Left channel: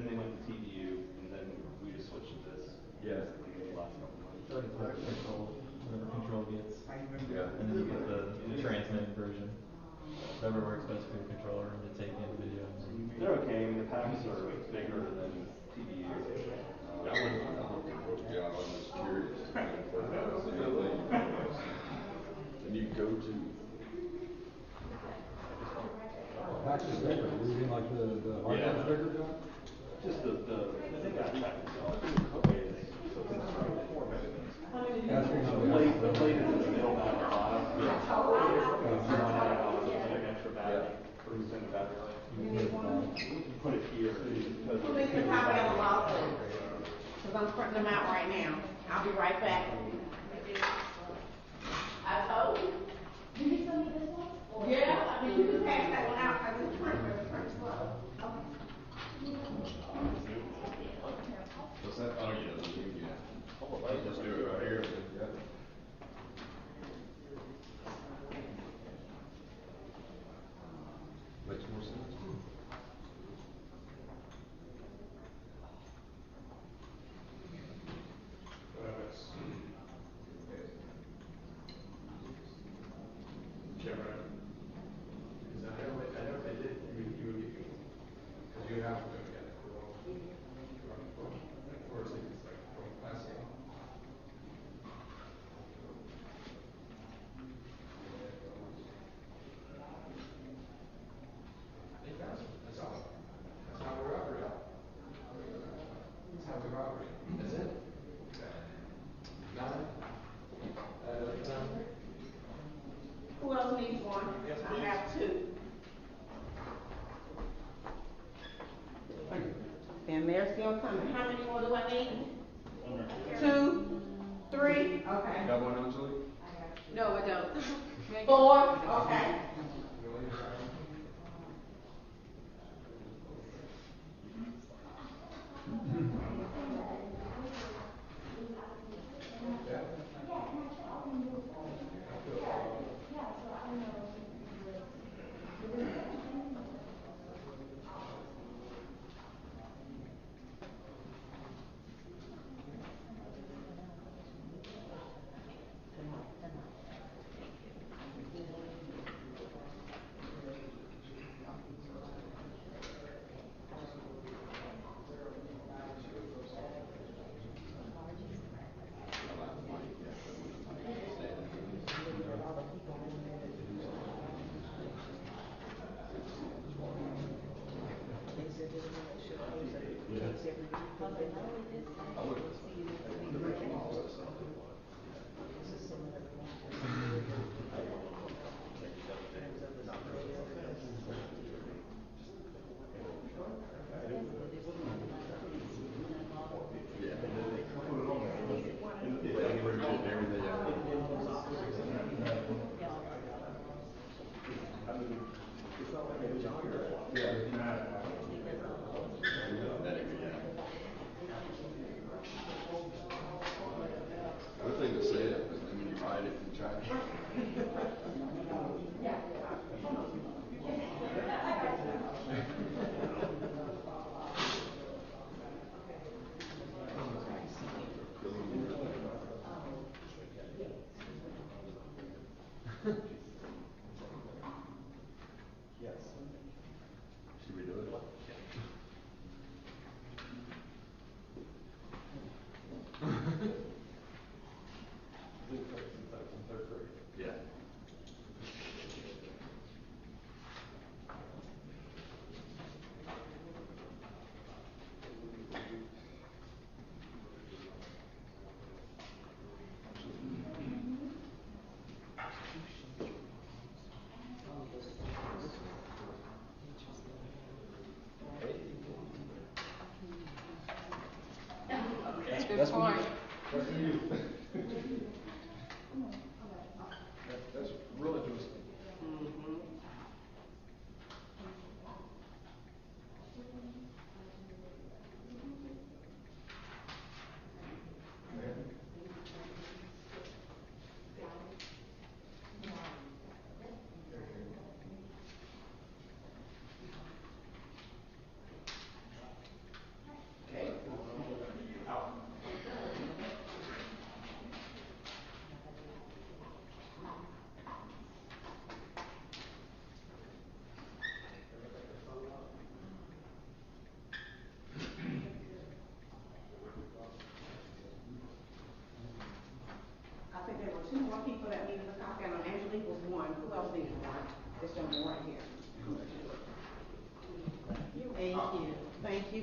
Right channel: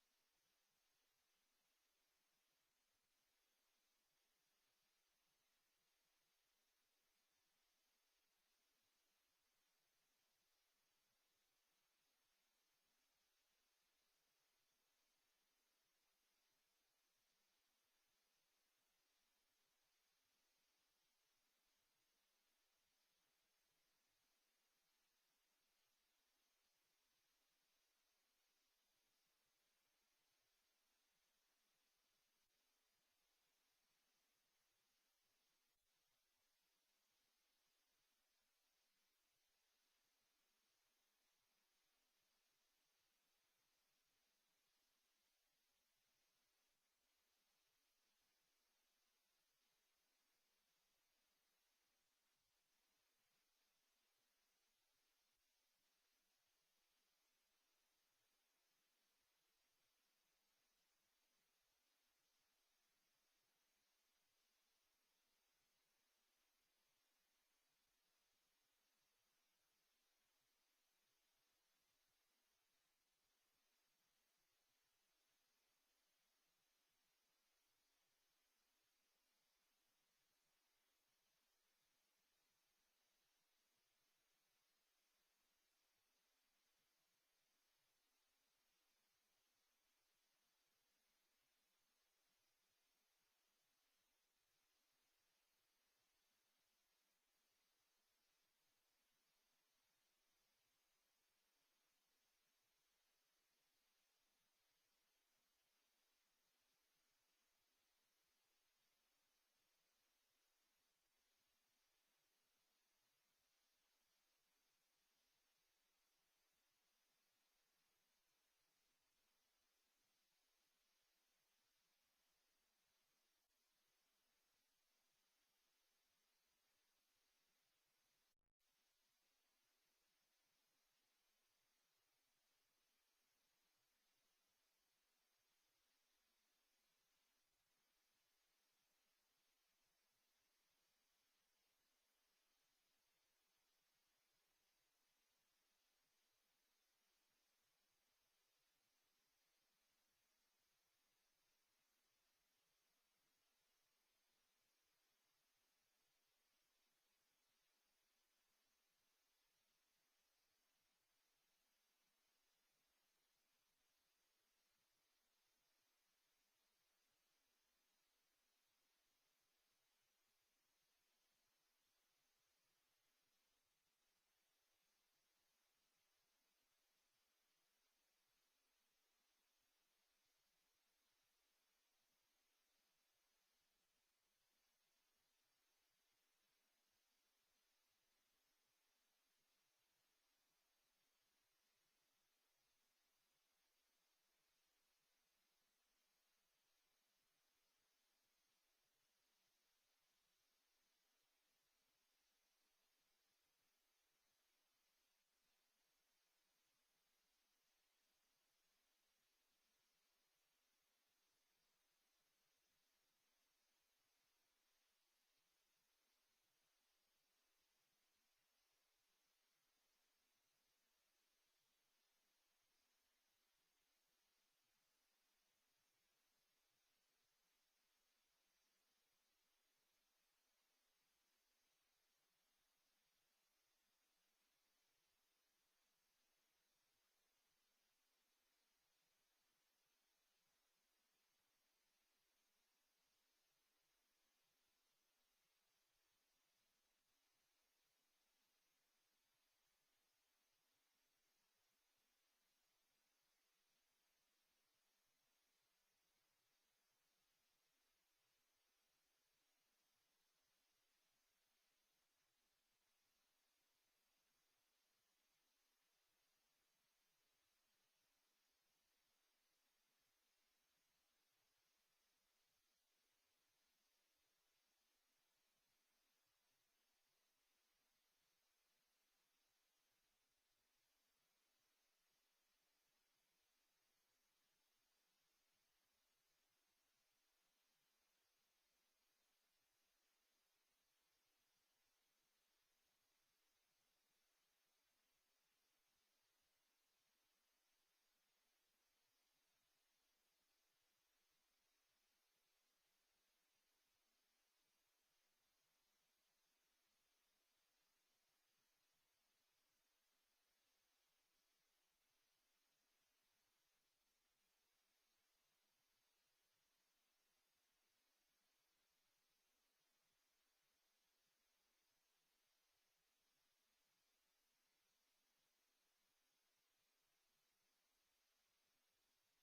then they went to TDU, and then we just switched to this. Yeah. The last couple months. So it's like control, whatever control gets. Yeah. And then you get the transmit version. Whatever works best for your controller to take in video. They're okay. I mean, the packs are bigger than TDU. That would do a good job. I'm just curious. And you go to. Packs is bigger. You mean like the hardware is bigger, John? Just the backpack itself. So constructed. Asking on The plate is in the middle back and bottom. Yeah. Like an extra battery for extended battery life. Put it here. Who needs a copy of the lawsuit? Because I'm printing them out right now. I'll be right back. I told you. Do you still need this one? Yeah, I mean, you can pass that one out because it's printing slow. Okay. What's that? Oh, yeah. Let's do it right here. Yeah. Makes more sense. Cameron. Because I know if they did, you would get me. Because you have to go together. Or it's like from classic. That's all. That's how we operate. That's how we operate. That's it. None. Who else needs one? I have two. And they're still coming. How many more do I need? 2, 3, okay. Got one, Anjali? No, I don't. 4, okay.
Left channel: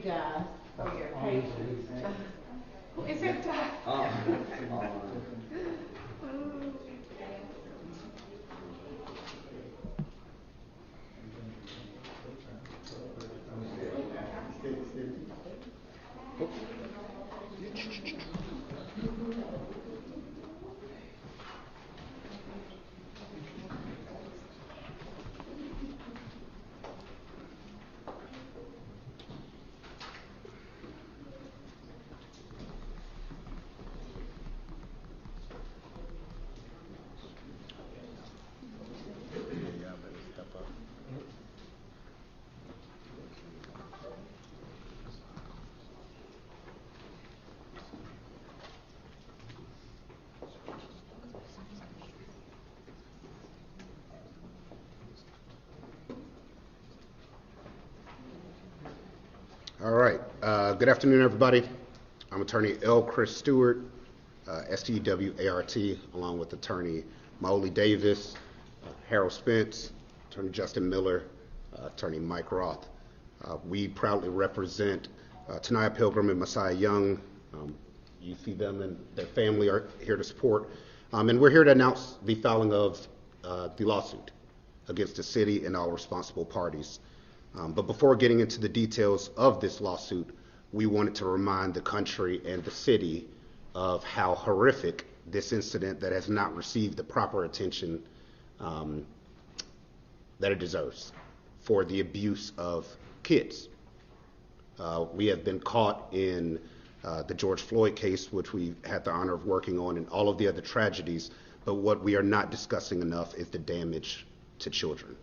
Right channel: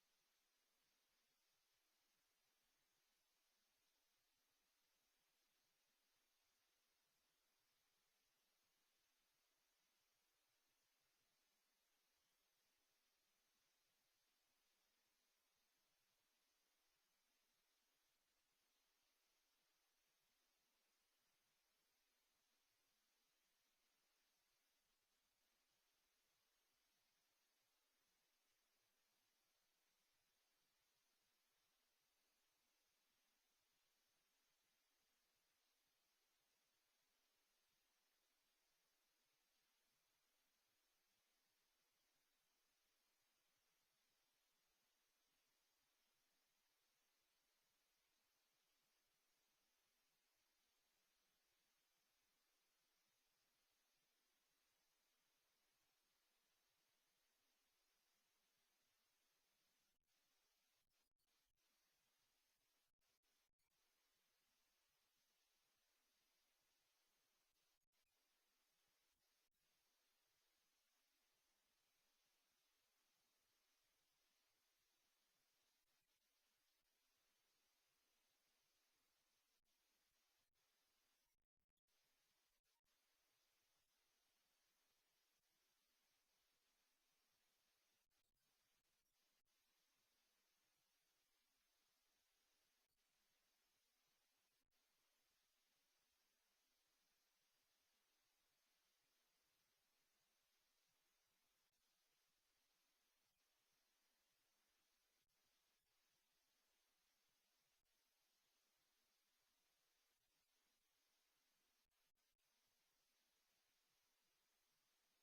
guys for your I'll use patience. the lead. Who is it? All right. Good afternoon, everybody. I'm attorney L. Chris Stewart, S-T-W-A-R-T, along with attorney Maoli Davis, Harold Spence, attorney Justin Miller, attorney Mike Roth. We proudly represent Tanaya Pilgrim and Messiah Young. You see them and their family are here to support. And we're here to announce the filing of the lawsuit against the city and all responsible parties. But before getting into the details of this lawsuit, we wanted to remind the country and the city of how horrific this incident that has not received the proper attention that it deserves for the abuse of kids. We have been caught in the George Floyd case, which we had the honor of working on, and all of the other tragedies, but what we are not discussing enough is the damage to children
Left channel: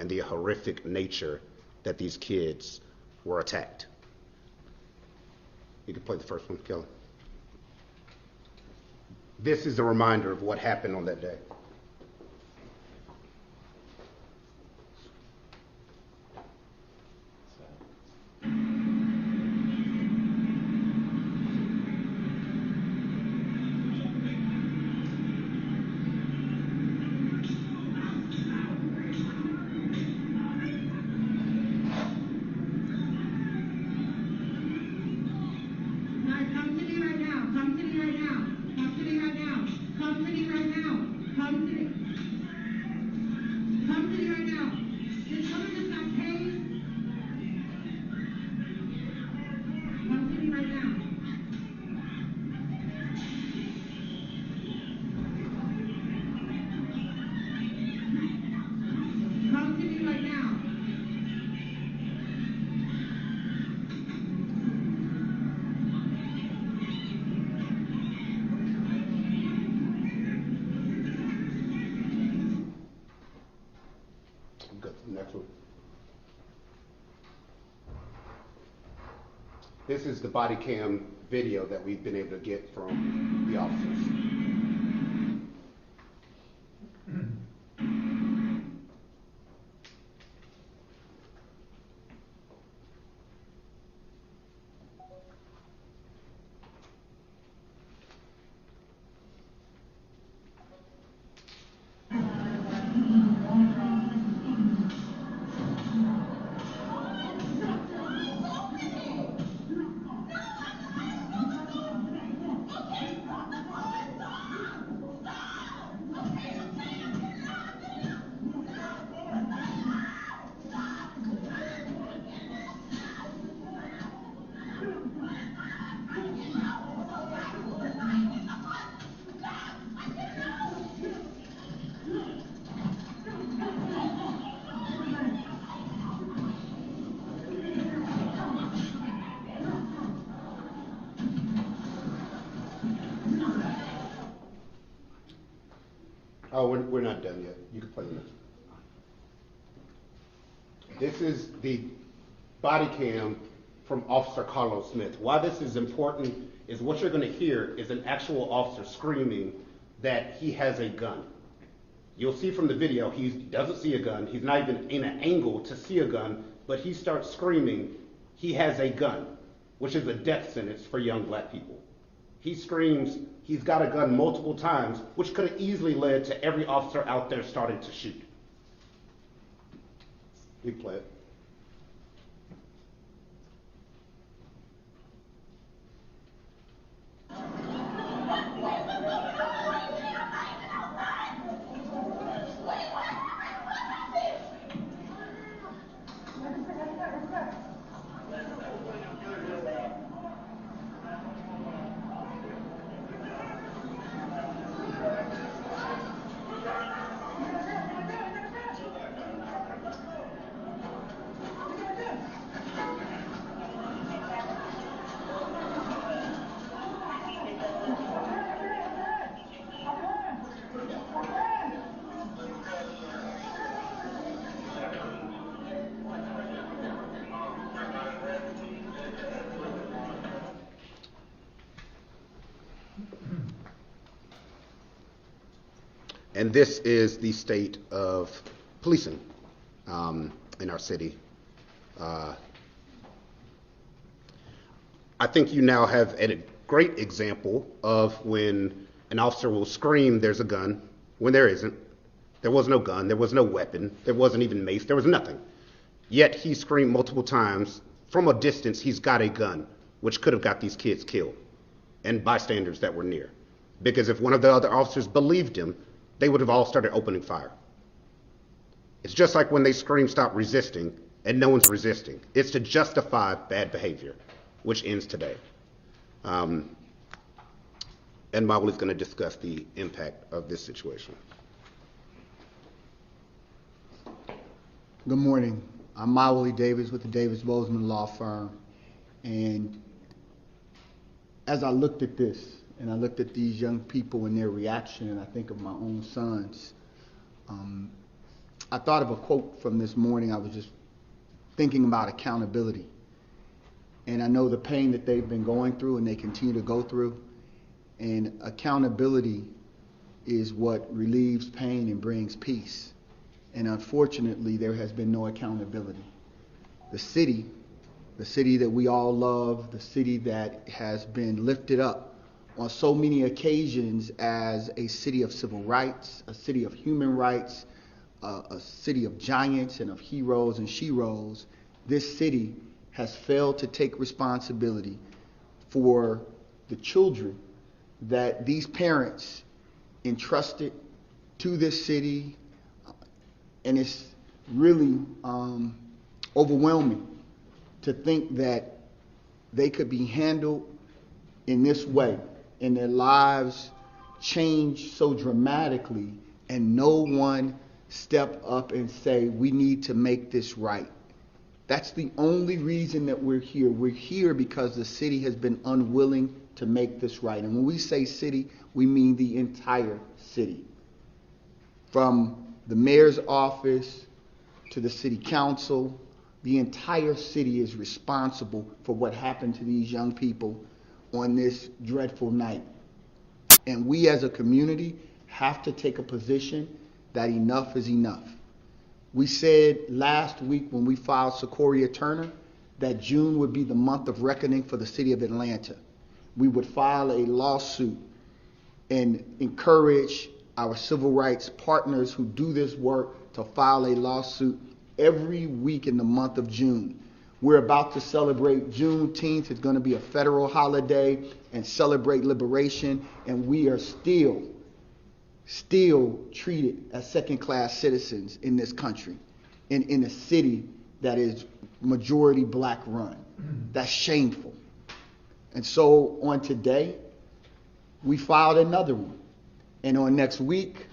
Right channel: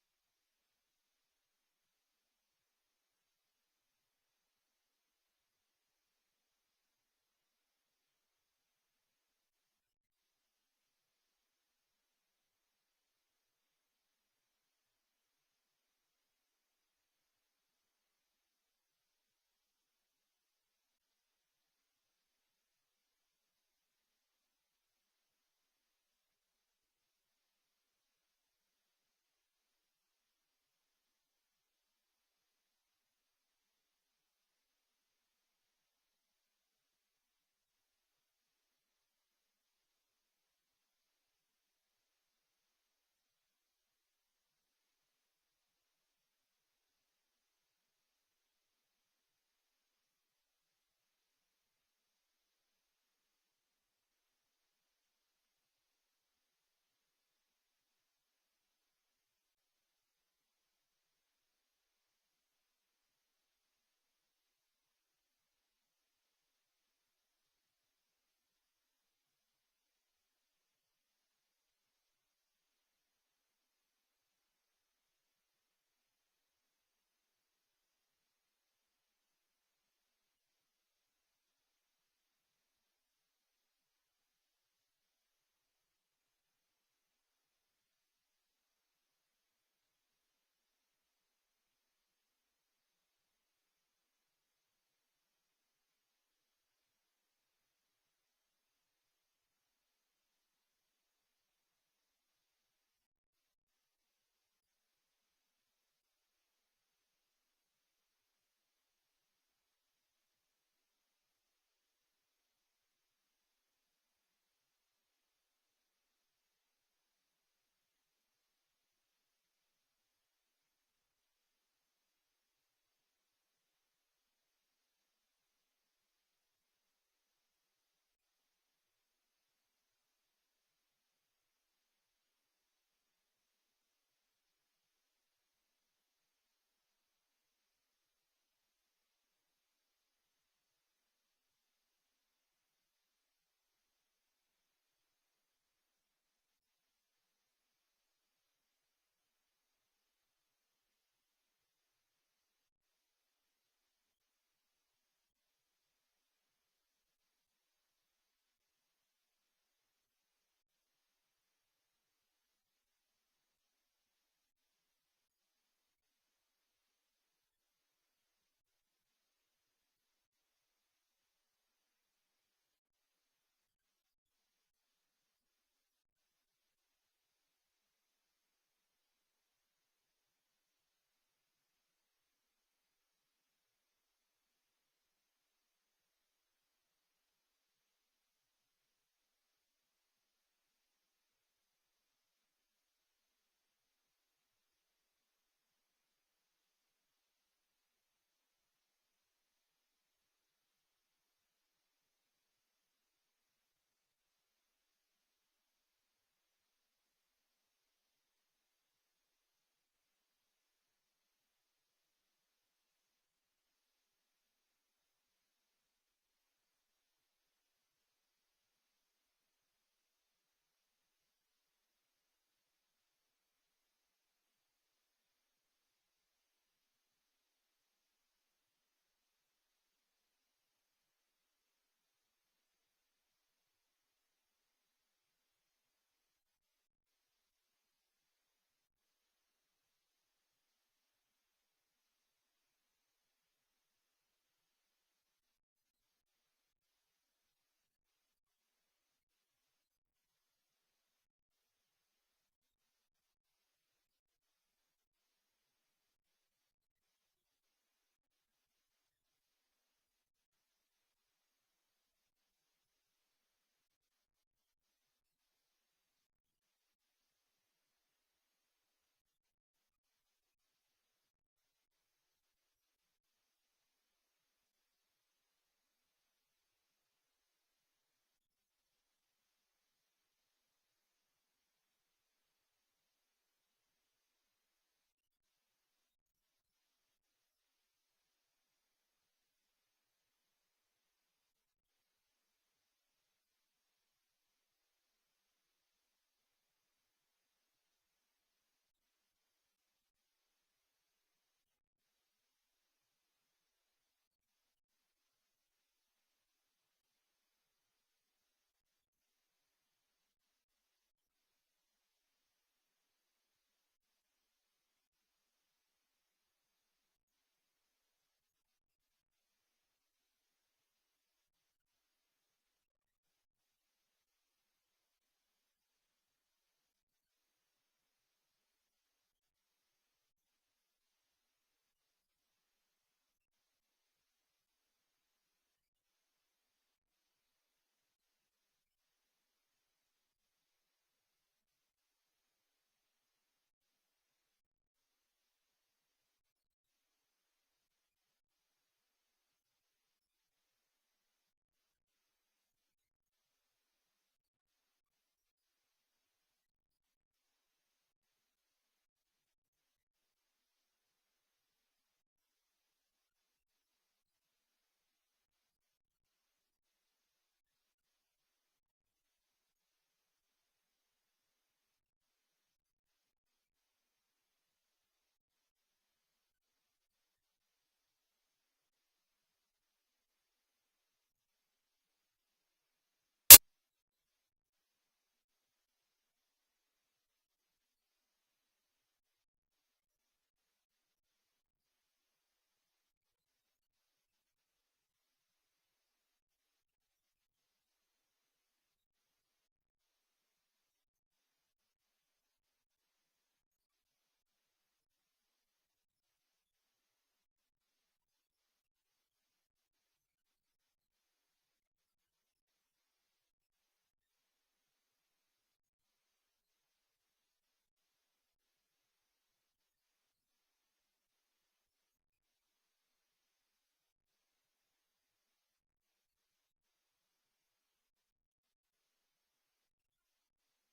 and the horrific nature that these kids were attacked. You can play the first one, Kelly. This is a reminder of what happened on that day. Come to me right now. Come to me right now. Come to me right now. Come to me right now. Come to me. Come to me right now. Did someone just got tased? Come to me right now. Come to me right now. Go to the next one. This is the body cam video that we've been able to get from the officers. Oh, we're not done yet. You can play the next one. This is the body cam from Officer Carlos Smith. Why this is important is what you're going to hear is an actual officer screaming that he has a gun. You'll see from the video he doesn't see a gun. He's not even in an angle to see a gun, but he starts screaming he has a gun, which is a death sentence for young black people. He screams he's got a gun multiple times, which could have easily led to every officer out there starting to shoot. We play it. And this is the state of policing in our city. I think you now have a great example of when an officer will scream, "There's a gun," when there isn't. There was no gun, there was no weapon, there wasn't even mace, there was nothing. Yet he screamed multiple times, from a distance, he's got a gun, which could have got these kids killed and bystanders that were near. Because if one of the other officers believed him, they would have all started opening fire. It's just like when they scream, "Stop resisting," and no one's resisting. It's to justify bad behavior, which ends today. And Mauli's going to discuss the impact of this situation. Good morning. I'm Mauli Davis with the Davis Bozeman Law Firm. And as I looked at this, and I looked at these young people and their reaction, and I think of my own sons, I thought of a quote from this morning. I was just thinking about accountability. And I know the pain that they've been going through and they continue to go through. And accountability is what relieves pain and brings peace. And unfortunately, there has been no accountability. The city that we all love, the city that has been lifted up on so many occasions as a city of civil rights, a city of human rights, a city of giants and of heroes and sheroes, this city has failed to take responsibility for the children that these parents entrusted to this city. And it's really overwhelming to think that they could be handled in this way and their lives change so dramatically and no one step up and say, "We need to make this right." That's the only reason that we're here. We're here because the city has been unwilling to make this right. And when we say city, we mean the entire city. From the mayor's office to the city council, the entire city is responsible for what happened to these young people on this dreadful night. And we as a community have to take a position that enough is enough. We said last week when we filed Sequoia Turner that June would be the month of reckoning for the city of Atlanta. We would file a lawsuit and encourage our civil rights partners who do this work to file a lawsuit every week in the month of June. We're about to celebrate Juneteenth. It's going to be a federal holiday and celebrate liberation, and we are still treated as second-class citizens in this country, in a city that is majority black run. That's shameful. And so on today, we filed another one. And on next week,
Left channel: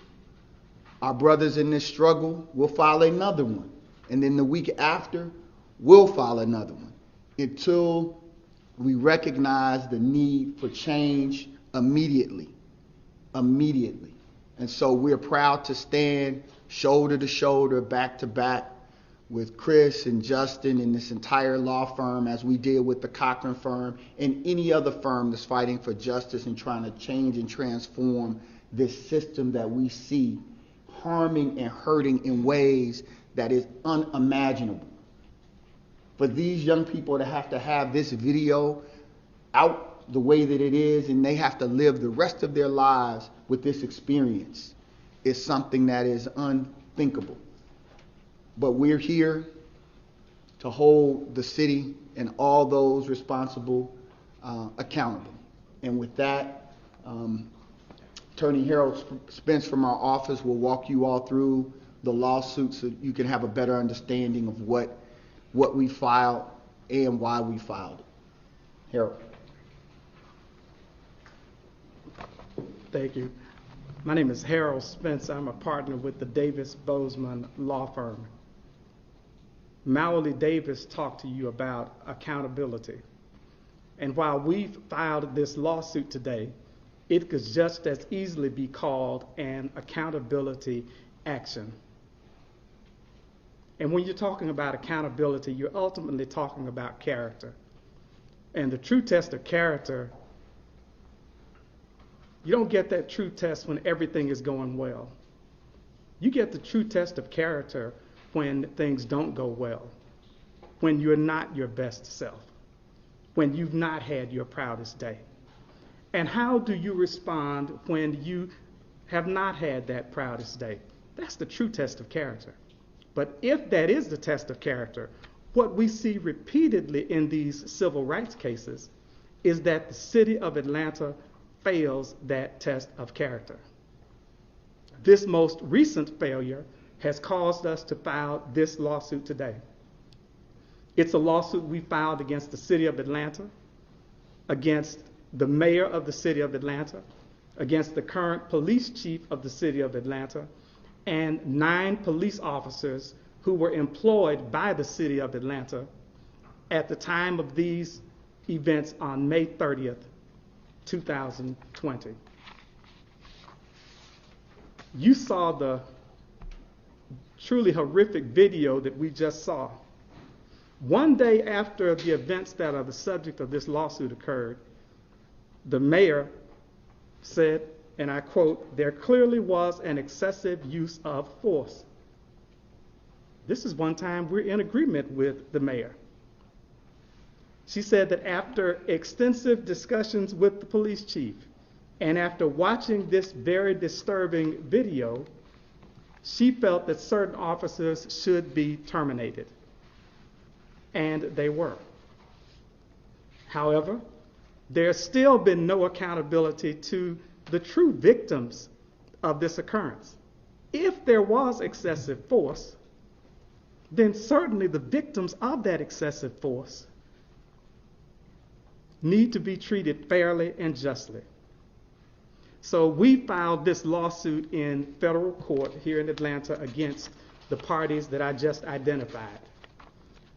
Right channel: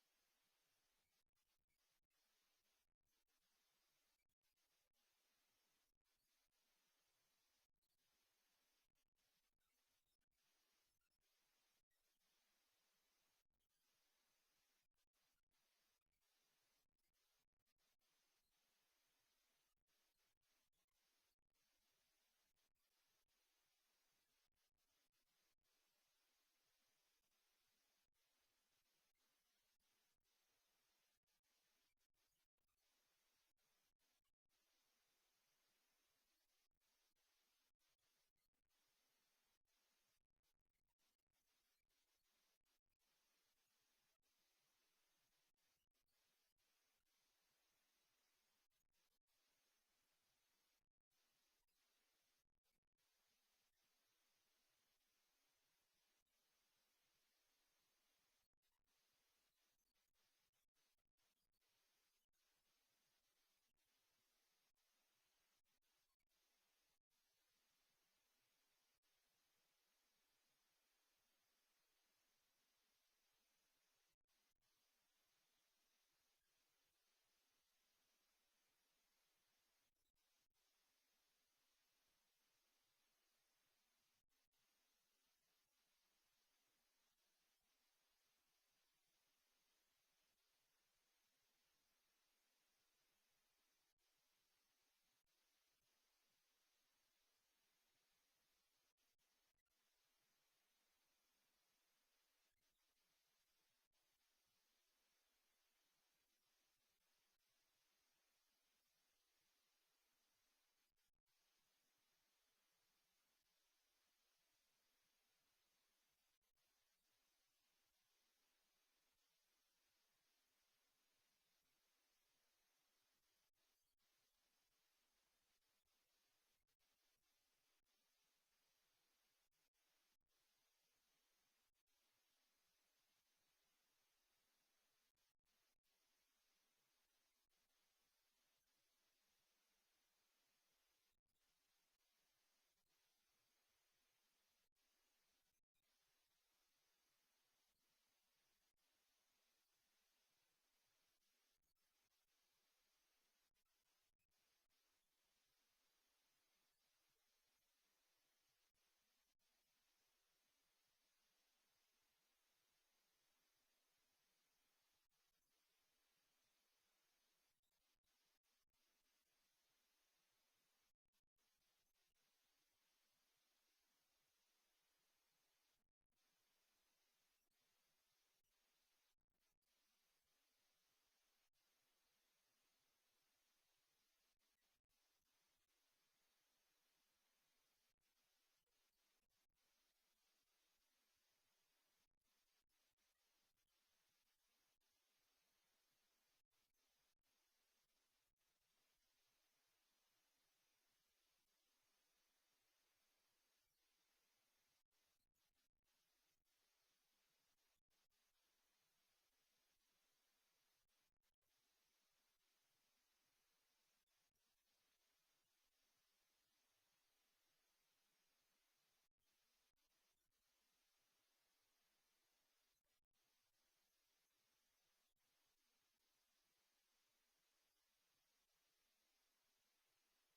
our brothers in this struggle will file another one. And then the week after, we'll file another one until we recognize the need for change immediately. Immediately. And so we're proud to stand shoulder to shoulder, back to back with Chris and Justin and this entire law firm as we deal with the Cochran firm and any other firm that's fighting for justice and trying to change and transform this system that we see harming and hurting in ways that is unimaginable. For these young people to have this video out the way that it is and they have to live the rest of their lives with this experience is something that is unthinkable. But we're here to hold the city and all those responsible accountable. And with that, Attorney Harold Spence from our office will walk you all through the lawsuit so you can have a better understanding of what we filed and why we filed it. Harold. Thank you. My name is Harold Spence. I'm a partner with the Davis Bozeman Law Firm. Mauli Davis talked to you about accountability. And while we filed this lawsuit today, it could just as easily be called an accountability action. And when you're talking about accountability, you're ultimately talking about character. And the true test of character, you don't get that true test when everything is going well. You get the true test of character when things don't go well, when you're not your best self, when you've not had your proudest day. And how do you respond when you have not had that proudest day? That's the true test of character. But if that is the test of character, what we see repeatedly in these civil rights cases is that the city of Atlanta fails that test of character. This most recent failure has caused us to file this lawsuit today. It's a lawsuit we filed against the city of Atlanta, against the mayor of the city of Atlanta, against the current police chief of the city of Atlanta, and 9 police officers who were employed by the city of Atlanta at the time of these events on May 30th, 2020. You saw the truly horrific video that we just saw. One day after the events that are the subject of this lawsuit occurred, the mayor said, and I quote, "There clearly was an excessive use of force." This is one time we're in agreement with the mayor. She said that after extensive discussions with the police chief and after watching this very disturbing video, she felt that certain officers should be terminated. And they were. However, there's still been no accountability to the true victims of this occurrence. If there was excessive force, then certainly the victims of that excessive force need to be treated fairly and justly. So we filed this lawsuit in federal court here in Atlanta against the parties that I just identified.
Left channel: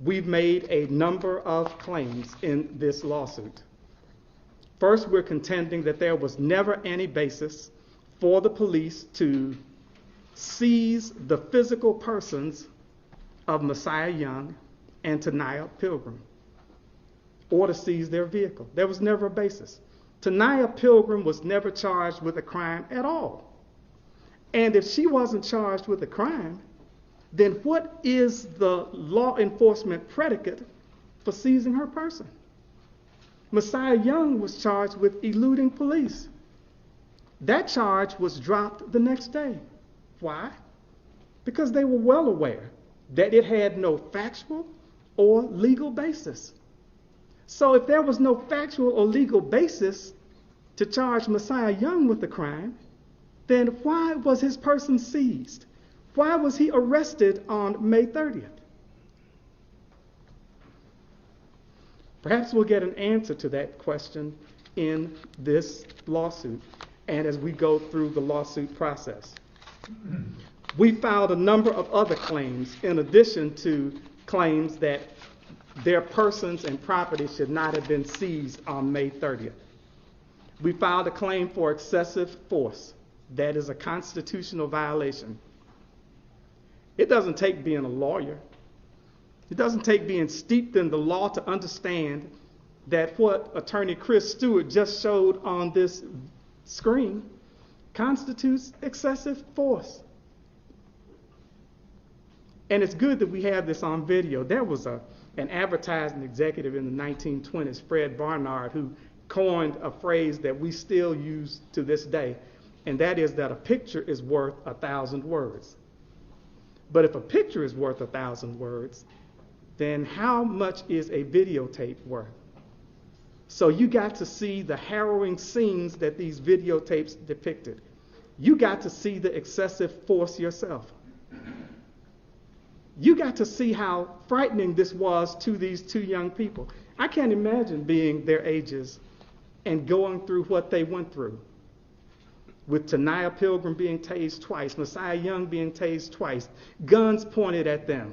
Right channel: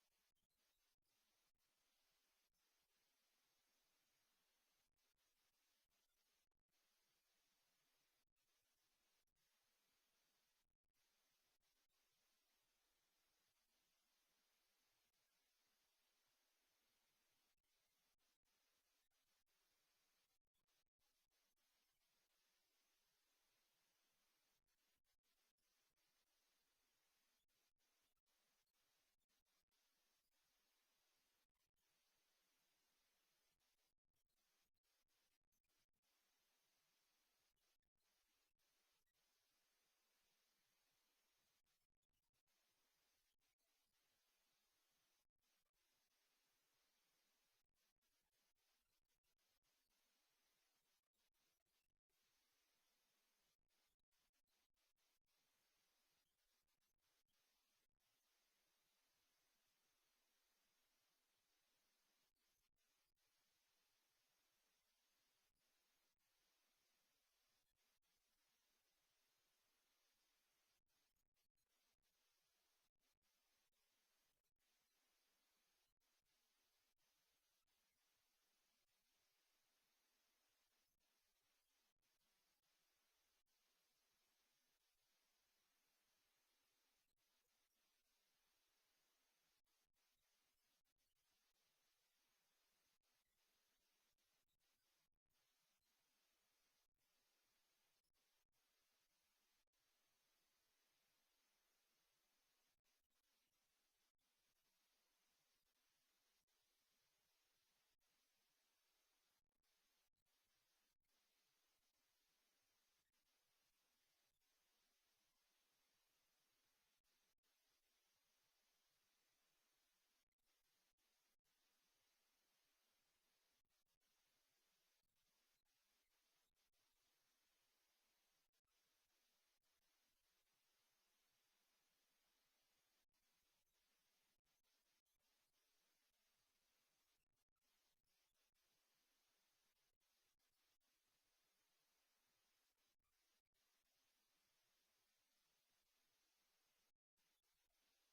We've made a number of claims in this lawsuit. First, we're contending that there was never any basis for the police to seize the physical persons of Messiah Young and Taniyah Pilgrim, or to seize their vehicle. There was never a basis. Taniyah Pilgrim was never charged with a crime at all. And if she wasn't charged with a crime, then what is the law enforcement predicate for seizing her person? Messiah Young was charged with eluding police. That charge was dropped the next day. Why? Because they were well aware that it had no factual or legal basis. So if there was no factual or legal basis to charge Messiah Young with the crime, then why was his person seized? Why was he arrested on May 30th? Perhaps we'll get an answer to that question in this lawsuit and as we go through the lawsuit process. We filed a number of other claims in addition to claims that their persons and property should not have been seized on May 30th. We filed a claim for excessive force. That is a constitutional violation. It doesn't take being a lawyer. It doesn't take being steeped in the law to understand that what Attorney Chris Stewart just showed on this screen constitutes excessive force. And it's good that we have this on video. There was an advertising executive in the 1920s, Fred Barnard, who coined a phrase that we still use to this day, and that is that a picture is worth 1,000 words. But if a picture is worth 1,000 words, then how much is a videotape worth? So you got to see the harrowing scenes that these videotapes depicted. You got to see the excessive force yourself. You got to see how frightening this was to these 2 young people. I can't imagine being their ages and going through what they went through, with Taniyah Pilgrim being tased twice, Messiah Young being tased twice, guns pointed at them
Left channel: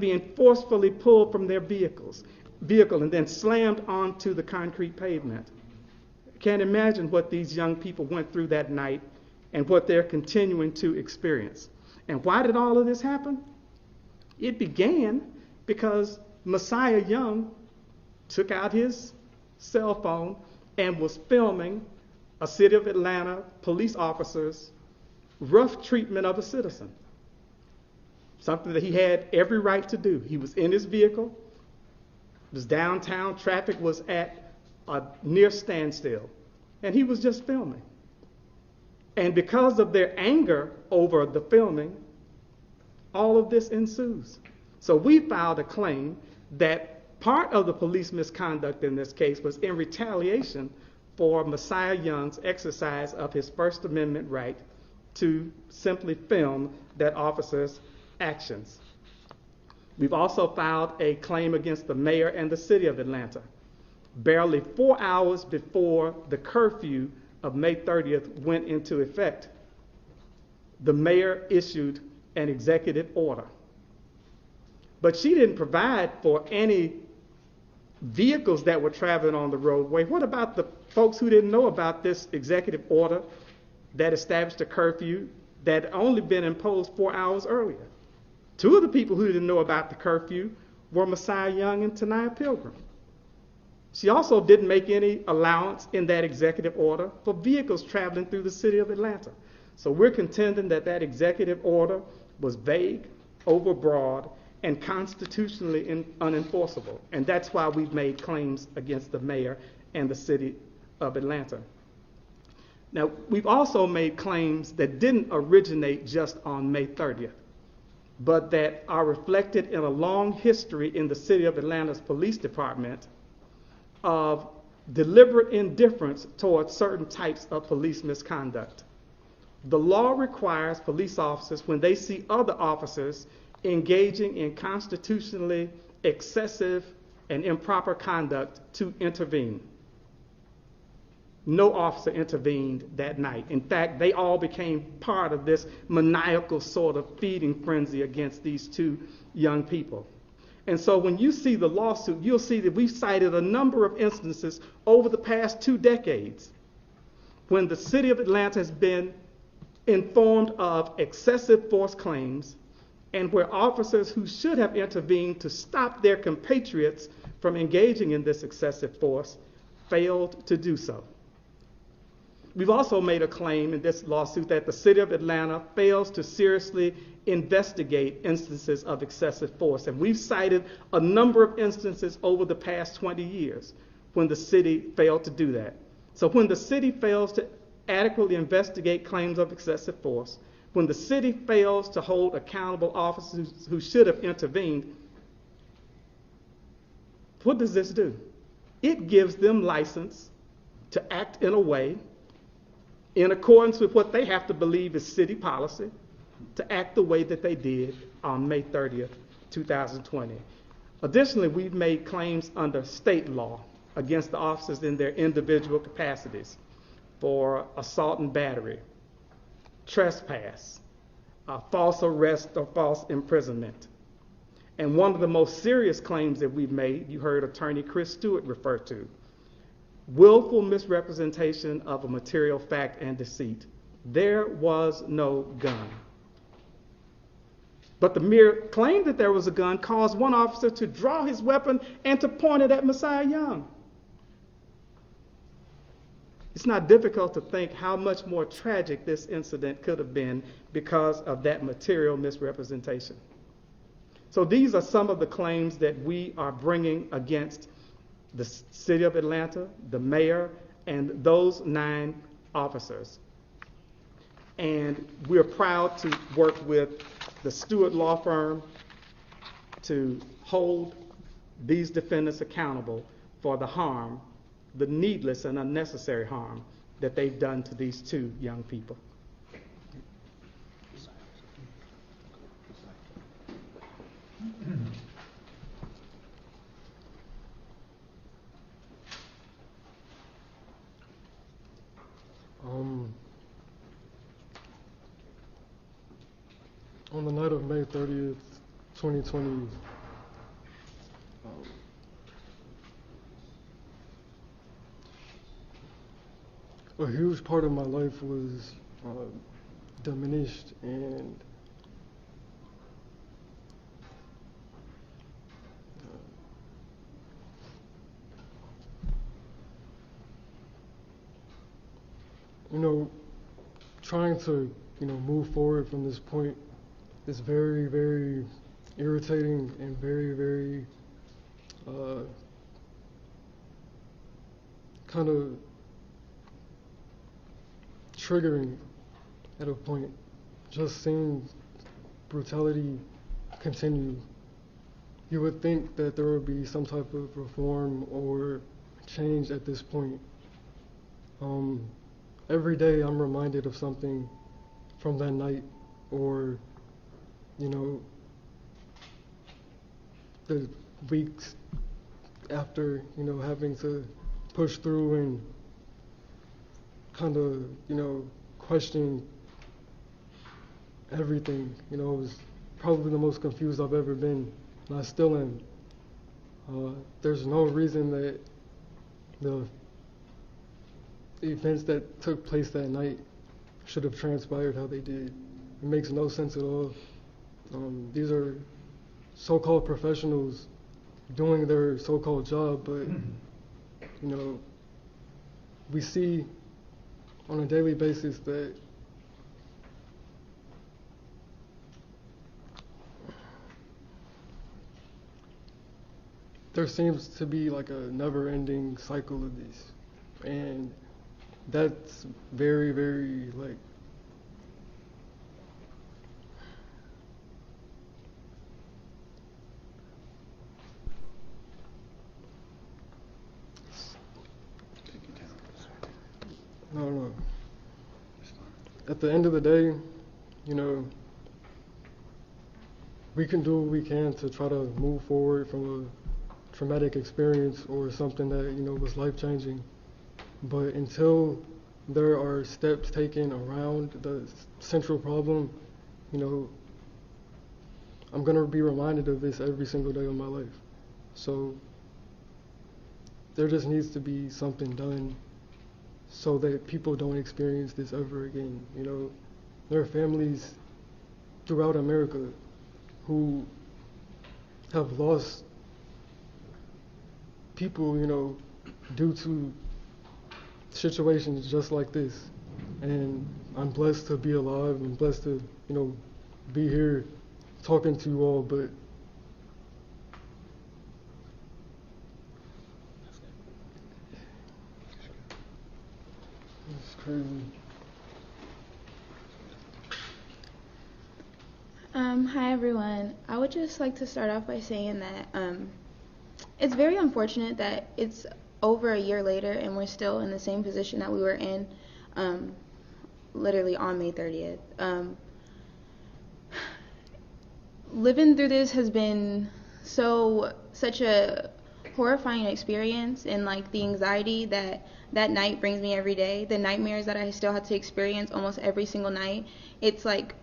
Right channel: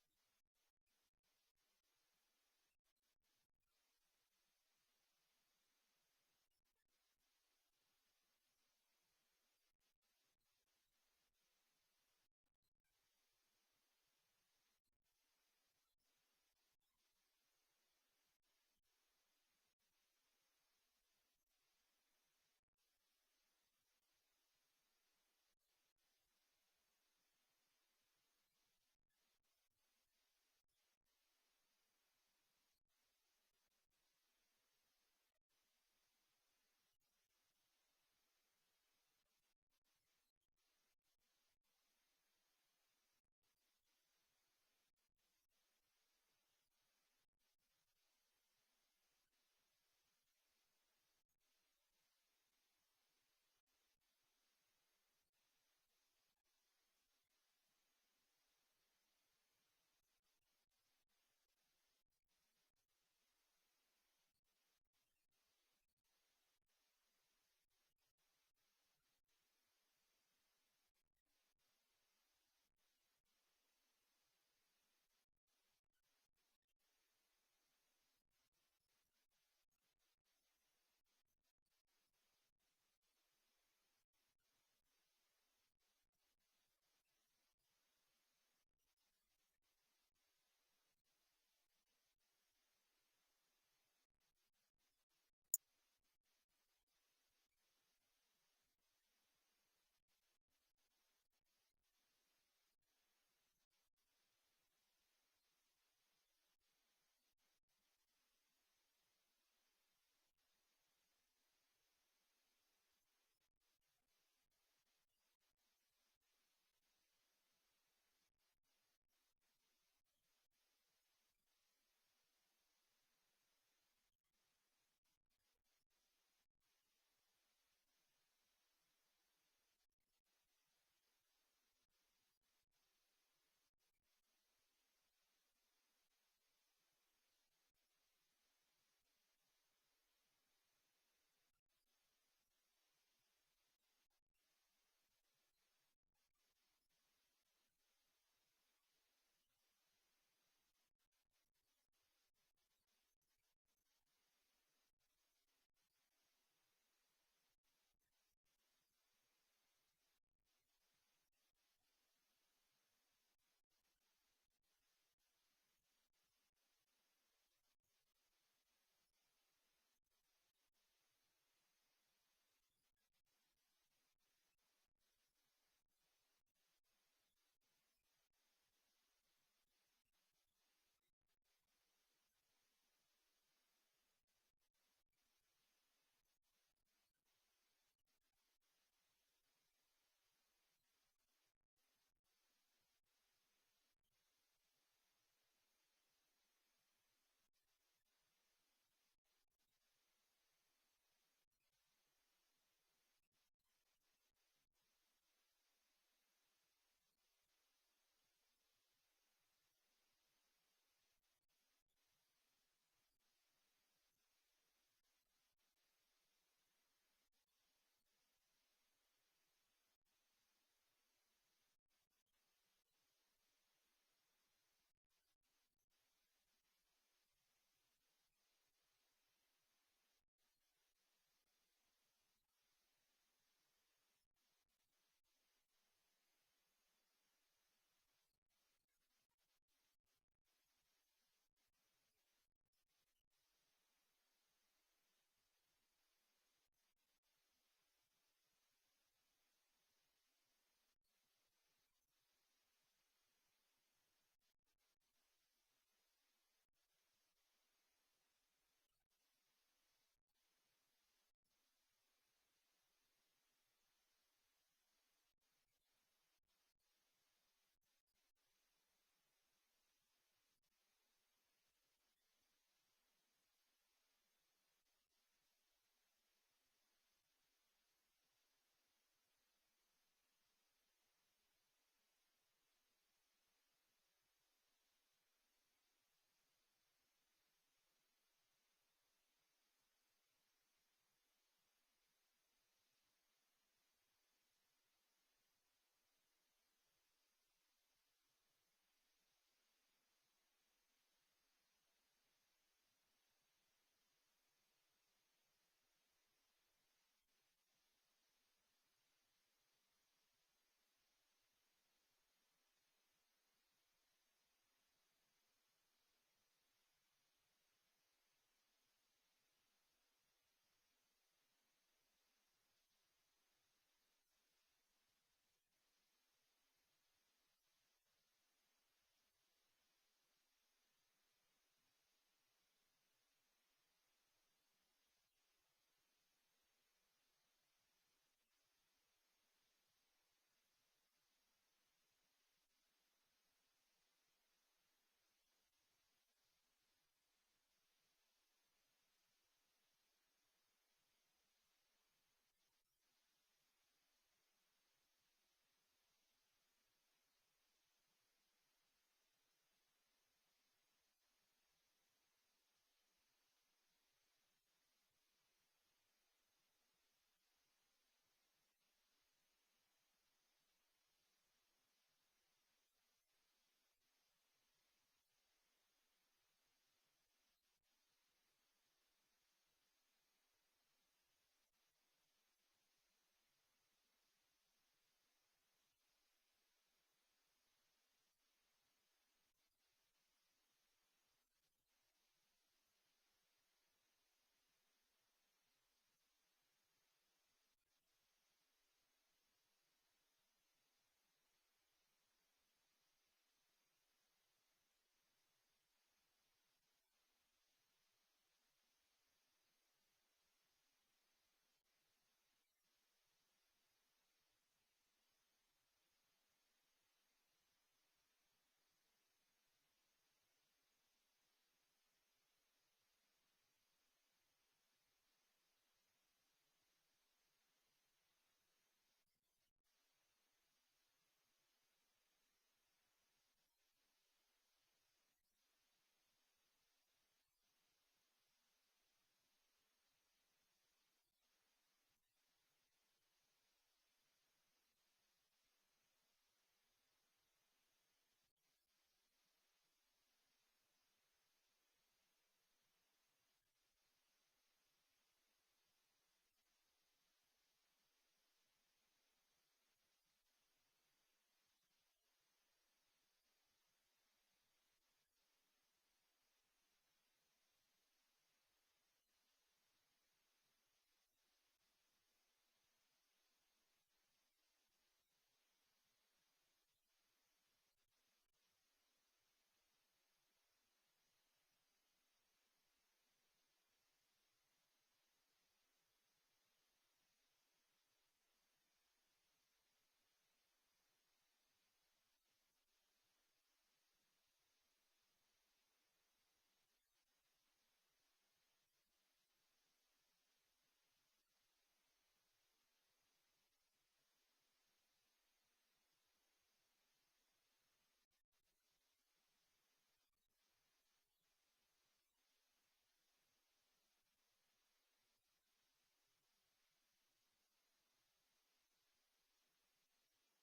being forcefully pulled from their vehicle and then slammed onto the concrete pavement. Can't imagine what these young people went through that night and what they're continuing to experience. And why did all of this happen? It began because Messiah Young took out his cell phone and was filming a city of Atlanta police officers rough treatment of a citizen, something that he had every right to do. He was in his vehicle, it was downtown, traffic was at a near standstill, and he was just filming. And because of their anger over the filming, all of this ensues. So we filed a claim that part of the police misconduct in this case was in retaliation for Messiah Young's exercise of his First Amendment right to simply film that officer's actions. We've also filed a claim against the mayor and the city of Atlanta. Barely 4 hours before the curfew of May 30th went into effect, the mayor issued an executive order. But she didn't provide for any vehicles that were traveling on the roadway. What about the folks who didn't know about this executive order that established a curfew that had only been imposed 4 hours earlier? Two of the people who didn't know about the curfew were Messiah Young and Tanaya Pilgrim. She also didn't make any allowance in that executive order for vehicles traveling through the city of Atlanta. So we're contending that that executive order was vague, overbroad, and constitutionally unenforceable. And that's why we've made claims against the mayor and the city of Atlanta. Now, we've also made claims that didn't originate just on May 30th, but that are reflected in a long history in the city of Atlanta's police department of deliberate indifference towards certain types of police misconduct. The law requires police officers, when they see other officers engaging in constitutionally excessive and improper conduct, to intervene. No officer intervened that night. In fact, they all became part of this maniacal sort of feeding frenzy against these two young people. And so when you see the lawsuit, you'll see that we've cited a number of instances over the past 2 decades when the city of Atlanta has been informed of excessive force claims and where officers who should have intervened to stop their compatriots from engaging in this excessive force failed to do so. We've also made a claim in this lawsuit that the city of Atlanta fails to seriously investigate instances of excessive force. And we've cited a number of instances over the past 20 years when the city failed to do that. So when the city fails to adequately investigate claims of excessive force, when the city fails to hold accountable officers who should have intervened, what does this do? It gives them license to act in a way in accordance with what they have to believe is city policy, to act the way that they did on May 30th, 2020. Additionally, we've made claims under state law against the officers in their individual capacities for assault and battery, trespass, false arrest or false imprisonment. And one of the most serious claims that we've made, you heard Attorney Chris Stewart refer to, willful misrepresentation of a material fact and deceit. There was no gun. But the mere claim that there was a gun caused one officer to draw his weapon and to point it at Messiah Young. It's not difficult to think how much more tragic this incident could have been because of that material misrepresentation. So these are some of the claims that we are bringing against the city of Atlanta, the mayor, and those 9 officers. And we're proud to work with the Stewart Law Firm to hold these defendants accountable for the harm, the needless and unnecessary harm that they've done to these 2 young people. On the night of May 30th, 2020, a huge part of my life was diminished, and trying to move forward from this point is very, very irritating and very, very kind of triggering at a point. Just seeing brutality continue, you would think that there would be some type of reform or change at this point. Every day I'm reminded of something from that night, or the weeks after, having to push through and kind of, question everything. It was probably the most confused I've ever been, and I still am. There's no reason that the events that took place that night should have transpired how they did. It makes no sense at all. These are so-called professionals doing their so-called job, but we see on a daily basis that there seems to be like a never-ending cycle of this, and that's very, very I don't know. At the end of the day, we can do what we can to try to move forward from a traumatic experience or something that, was life-changing. But until there are steps taken around the central problem, I'm going to be reminded of this every single day of my life. So there just needs to be something done so that people don't experience this ever again. There are families throughout America who have lost people, due to situations just like this. And I'm blessed to be alive. I'm blessed to, be here talking to you all, but it's crazy. Hi everyone. I would just like to start off by saying that it's very unfortunate that it's over a year later and we're still in the same position that we were in literally on May 30th. Living through this has been such a horrifying experience, and like the anxiety that night brings me every day, the nightmares that I still had to experience almost every single night. It's like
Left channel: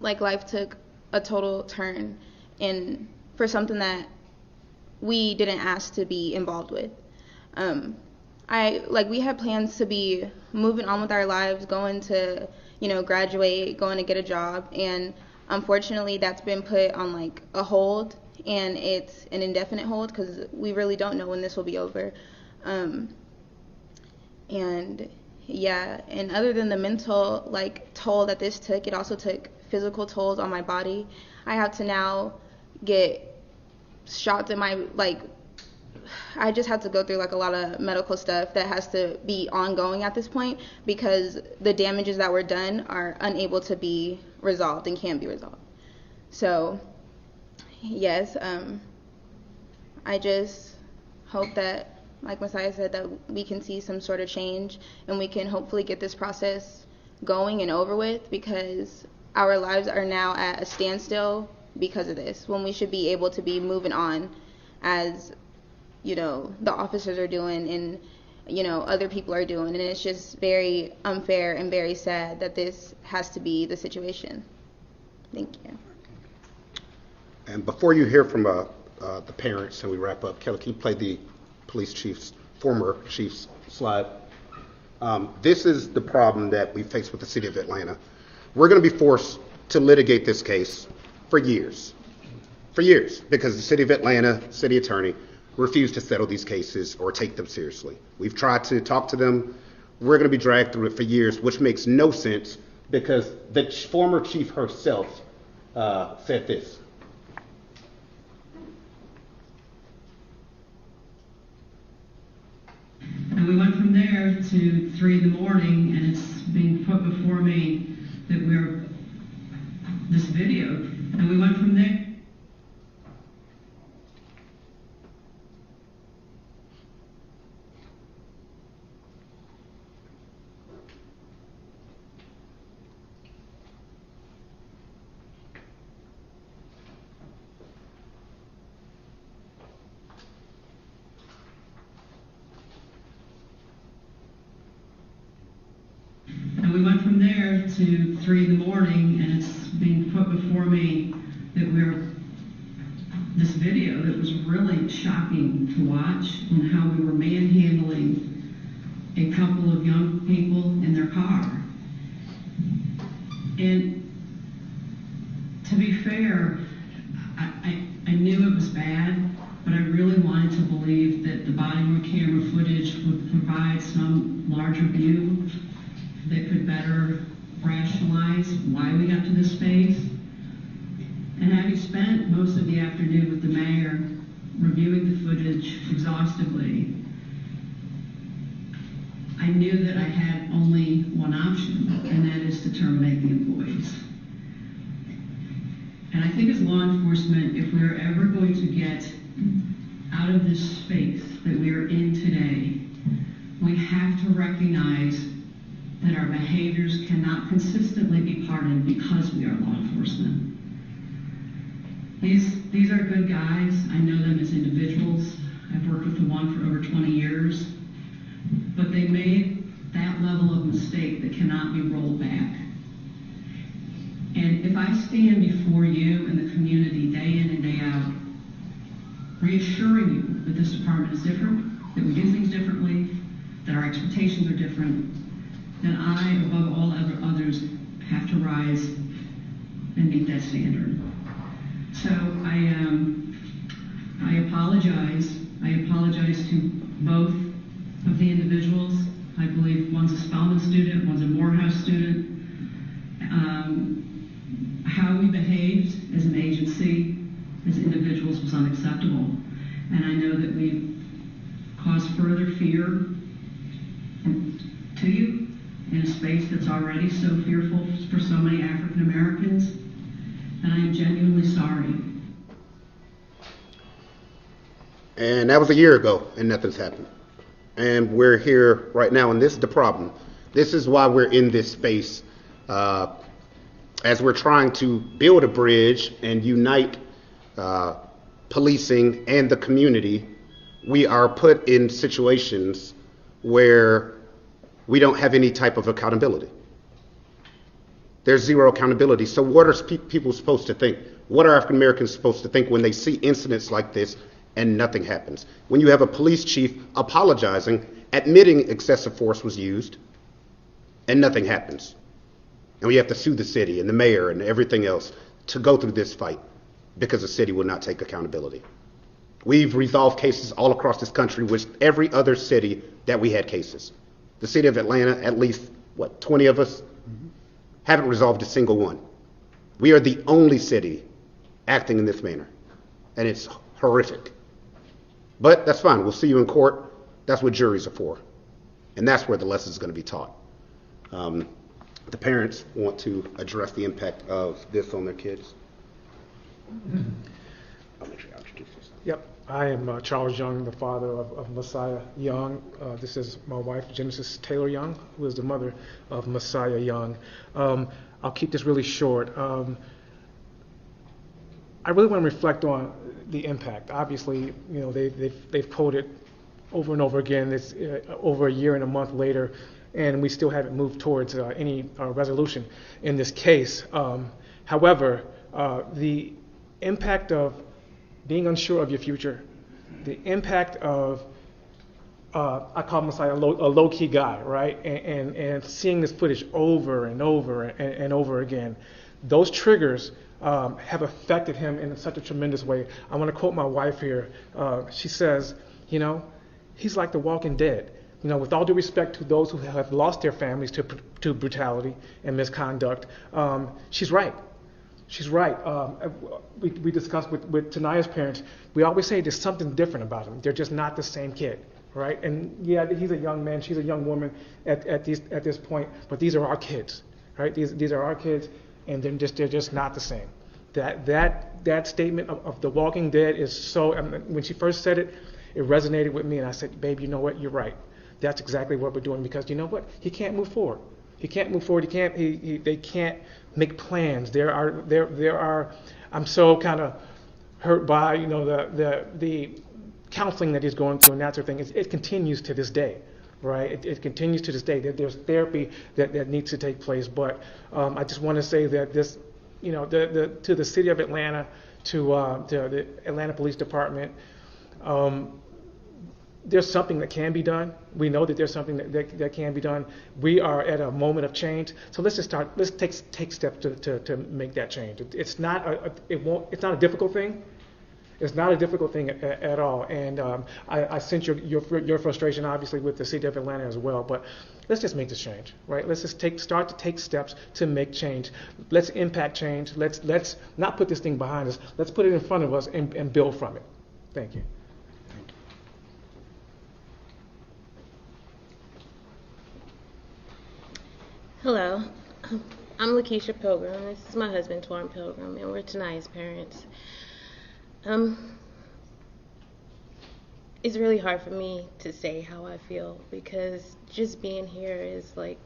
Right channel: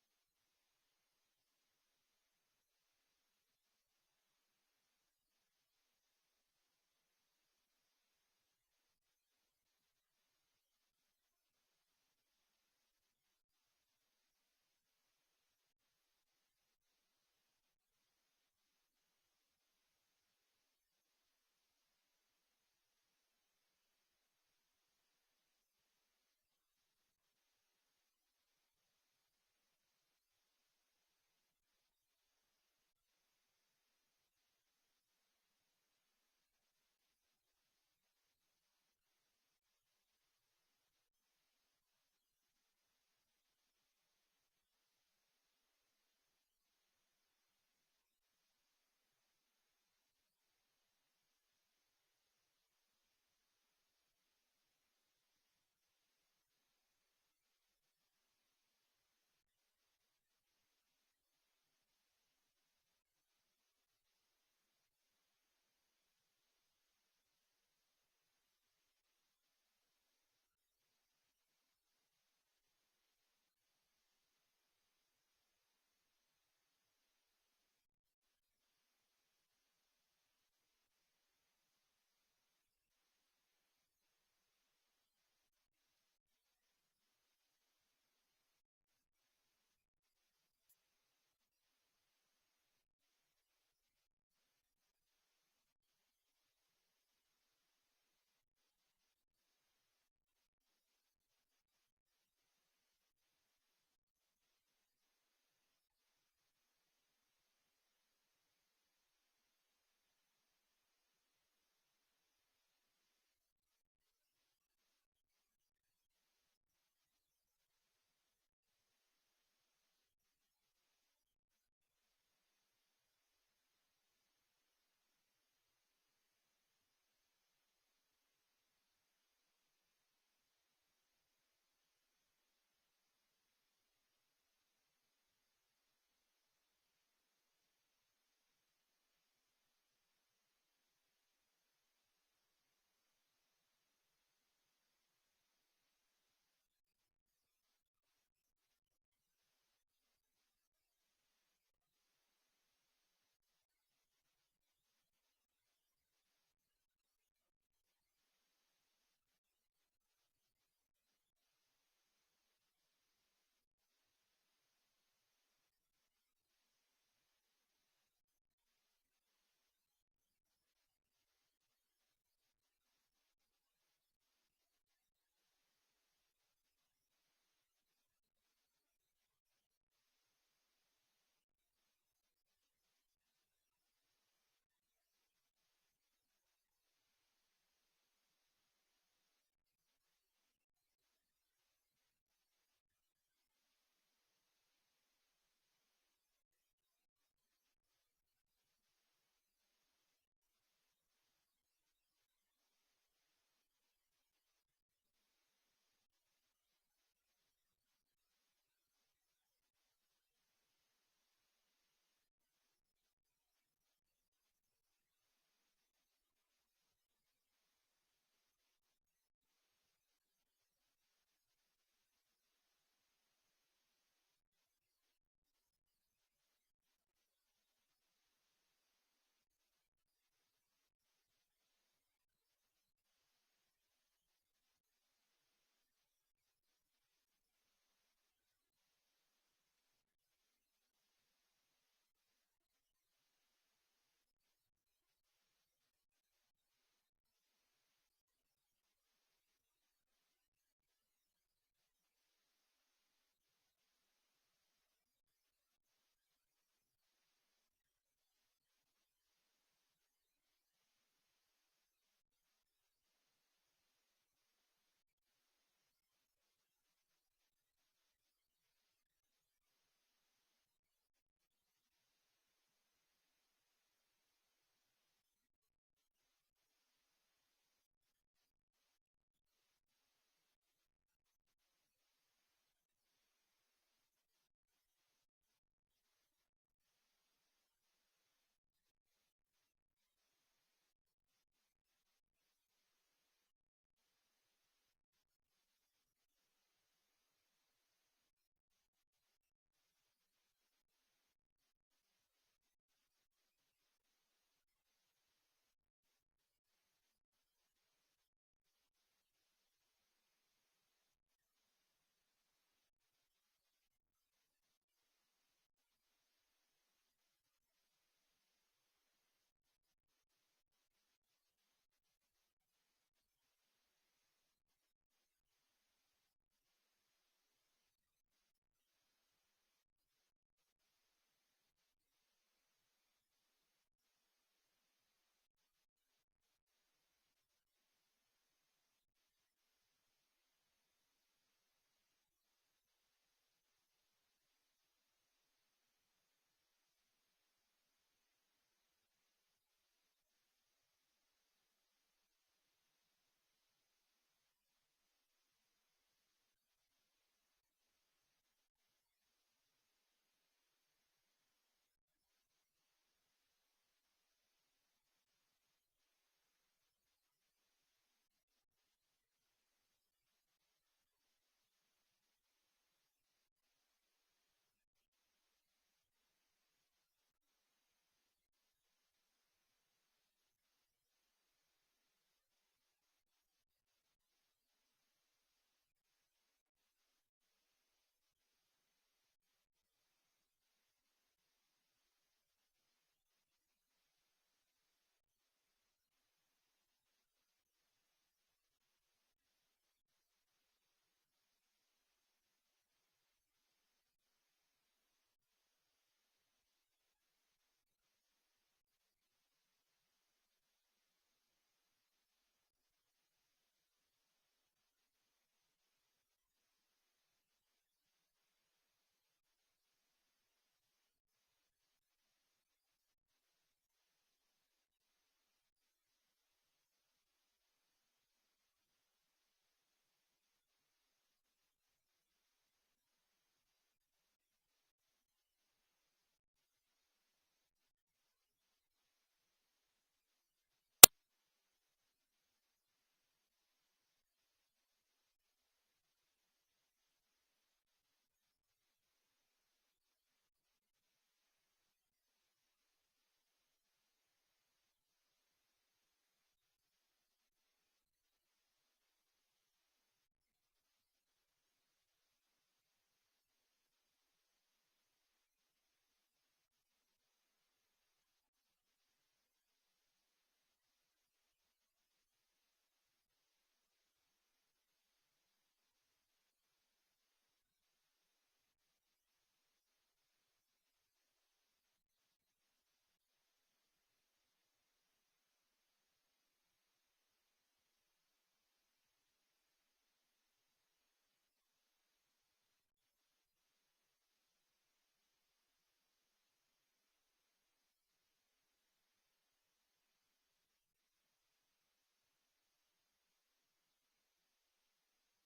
life took a total turn, and for something that we didn't ask to be involved with. We had plans to be moving on with our lives, going to, graduate, going to get a job, and unfortunately that's been put on a hold, and it's an indefinite hold because we really don't know when this will be over. And yeah, and other than the mental toll that this took, it also took physical tolls on my body. I have to now get shots in my I just have to go through a lot of medical stuff that has to be ongoing at this point because the damages that were done are unable to be resolved and can't be resolved. So yes, I just hope that, like Messiah said, that we can see some sort of change and we can hopefully get this process going and over with, because our lives are now at a standstill because of this, when we should be able to be moving on as, the officers are doing and, other people are doing. And it's just very unfair and very sad that this has to be the situation. Thank you. And before you hear from the parents and we wrap up, Kelly, can you play the police chief's, former chief's slide? This is the problem that we face with the city of Atlanta. We're going to be forced to litigate this case for years, because the city of Atlanta, city attorney, refused to settle these cases or take them seriously. We've tried to talk to them. We're going to be dragged through it for years, which makes no sense because the former chief herself said this. And we went from there to 3 in the morning, and it's being put before me that this video, and we went from there. And we went from there to 3 in the morning, and it's being put before me that this video that was really shocking to watch, and how we were manhandling a couple of young people in their car. And to be fair, I knew it was bad, but I really wanted to believe that the body-worn camera footage would provide some larger view that could better rationalize why we got to this space. And having spent most of the afternoon with the mayor reviewing the footage exhaustively, I knew that I had only one option, and that is to terminate the employees. And I think as law enforcement, if we're ever going to get out of this space that we are in today, we have to recognize that our behaviors cannot consistently be pardoned because we are law enforcement. These are good guys. I know them as individuals. I've worked with the one for over 20 years. But they made that level of mistake that cannot be rolled back. And if I stand before you and the community day in and day out, reassuring you that this department is different, that we do things differently, that our expectations are different, then I, above all others, have to rise and meet that standard. So I apologize. I apologize to both of the individuals. I believe one's a Spelman student, one's a Morehouse student. How we behaved as an agency, as individuals, was unacceptable. And I know that we've caused further fear to you in a space that's already so fearful for so many African Americans. And I am genuinely sorry. And that was a year ago, and nothing's happened. And we're here right now, and this is the problem. This is why we're in this space, as we're trying to build a bridge and unite policing and the community. We are put in situations where we don't have any type of accountability. There's zero accountability. So what are people supposed to think? What are African Americans supposed to think when they see incidents like this and nothing happens? When you have a police chief apologizing, admitting excessive force was used, and nothing happens. And we have to sue the city and the mayor and everything else to go through this fight because the city will not take accountability. We've resolved cases all across this country with every other city that we had cases. The city of Atlanta, at least, 20 of us, haven't resolved a single one. We are the only city acting in this manner, and it's horrific. But that's fine. We'll see you in court. That's what juries are for, and that's where the lesson is going to be taught. The parents want to address the impact of this on their kids. I'll make sure I introduce yourself. Yep, I am Charles Young, the father of Messiah Young. This is my wife, Genesis Taylor Young, who is the mother of Messiah Young. I'll keep this really short. I really want to reflect on the impact. Obviously, you know, they've quoted over and over again. It's over a year and a month later, and we still haven't moved towards any resolution in this case. However, the impact of being unsure of your future, the impact of, I call Messiah a low-key guy, right? And seeing this footage over and over and over again, those triggers have affected him in such a tremendous way. I want to quote my wife here. She says, you know, he's like the Walking Dead. You know, with all due respect to those who have lost their families to brutality and misconduct, she's right. She's right. We discussed with Tanaya's parents, we always say there's something different about them. They're just not the same kid, right? And yeah, he's a young man, she's a young woman at this point, but these are our kids, right? These are our kids, and they're just not the same. That statement of The Walking Dead is so, when she first said it, it resonated with me, and I said, babe, you know what, you're right. That's exactly what we're doing, because you know what? He can't move forward. He can't move forward. They can't make plans. There are. I'm so kind of hurt by, you know, the counseling that he's going through and that sort of thing. It continues to this day, right? It continues to this day. There's therapy that needs to take place. But I just want to say that this, you know, to the city of Atlanta, to the Atlanta Police Department. There's something that can be done. We know that there's something that can be done. We are at a moment of change. So let's just start. Let's take steps to make that change. It's not a difficult thing. It's not a difficult thing at all. And I sense your frustration, obviously, with the city of Atlanta as well. But let's just make this change, right? Let's just start to take steps to make change. Let's impact change. Let's not put this thing behind us. Let's put it in front of us and build from it. Thank you. Hello, I'm Lakeisha Pilgrim. This is my husband, Torrin Pilgrim, and we're Tanaya's parents. It's really hard for me to say how I feel, because just being here is like,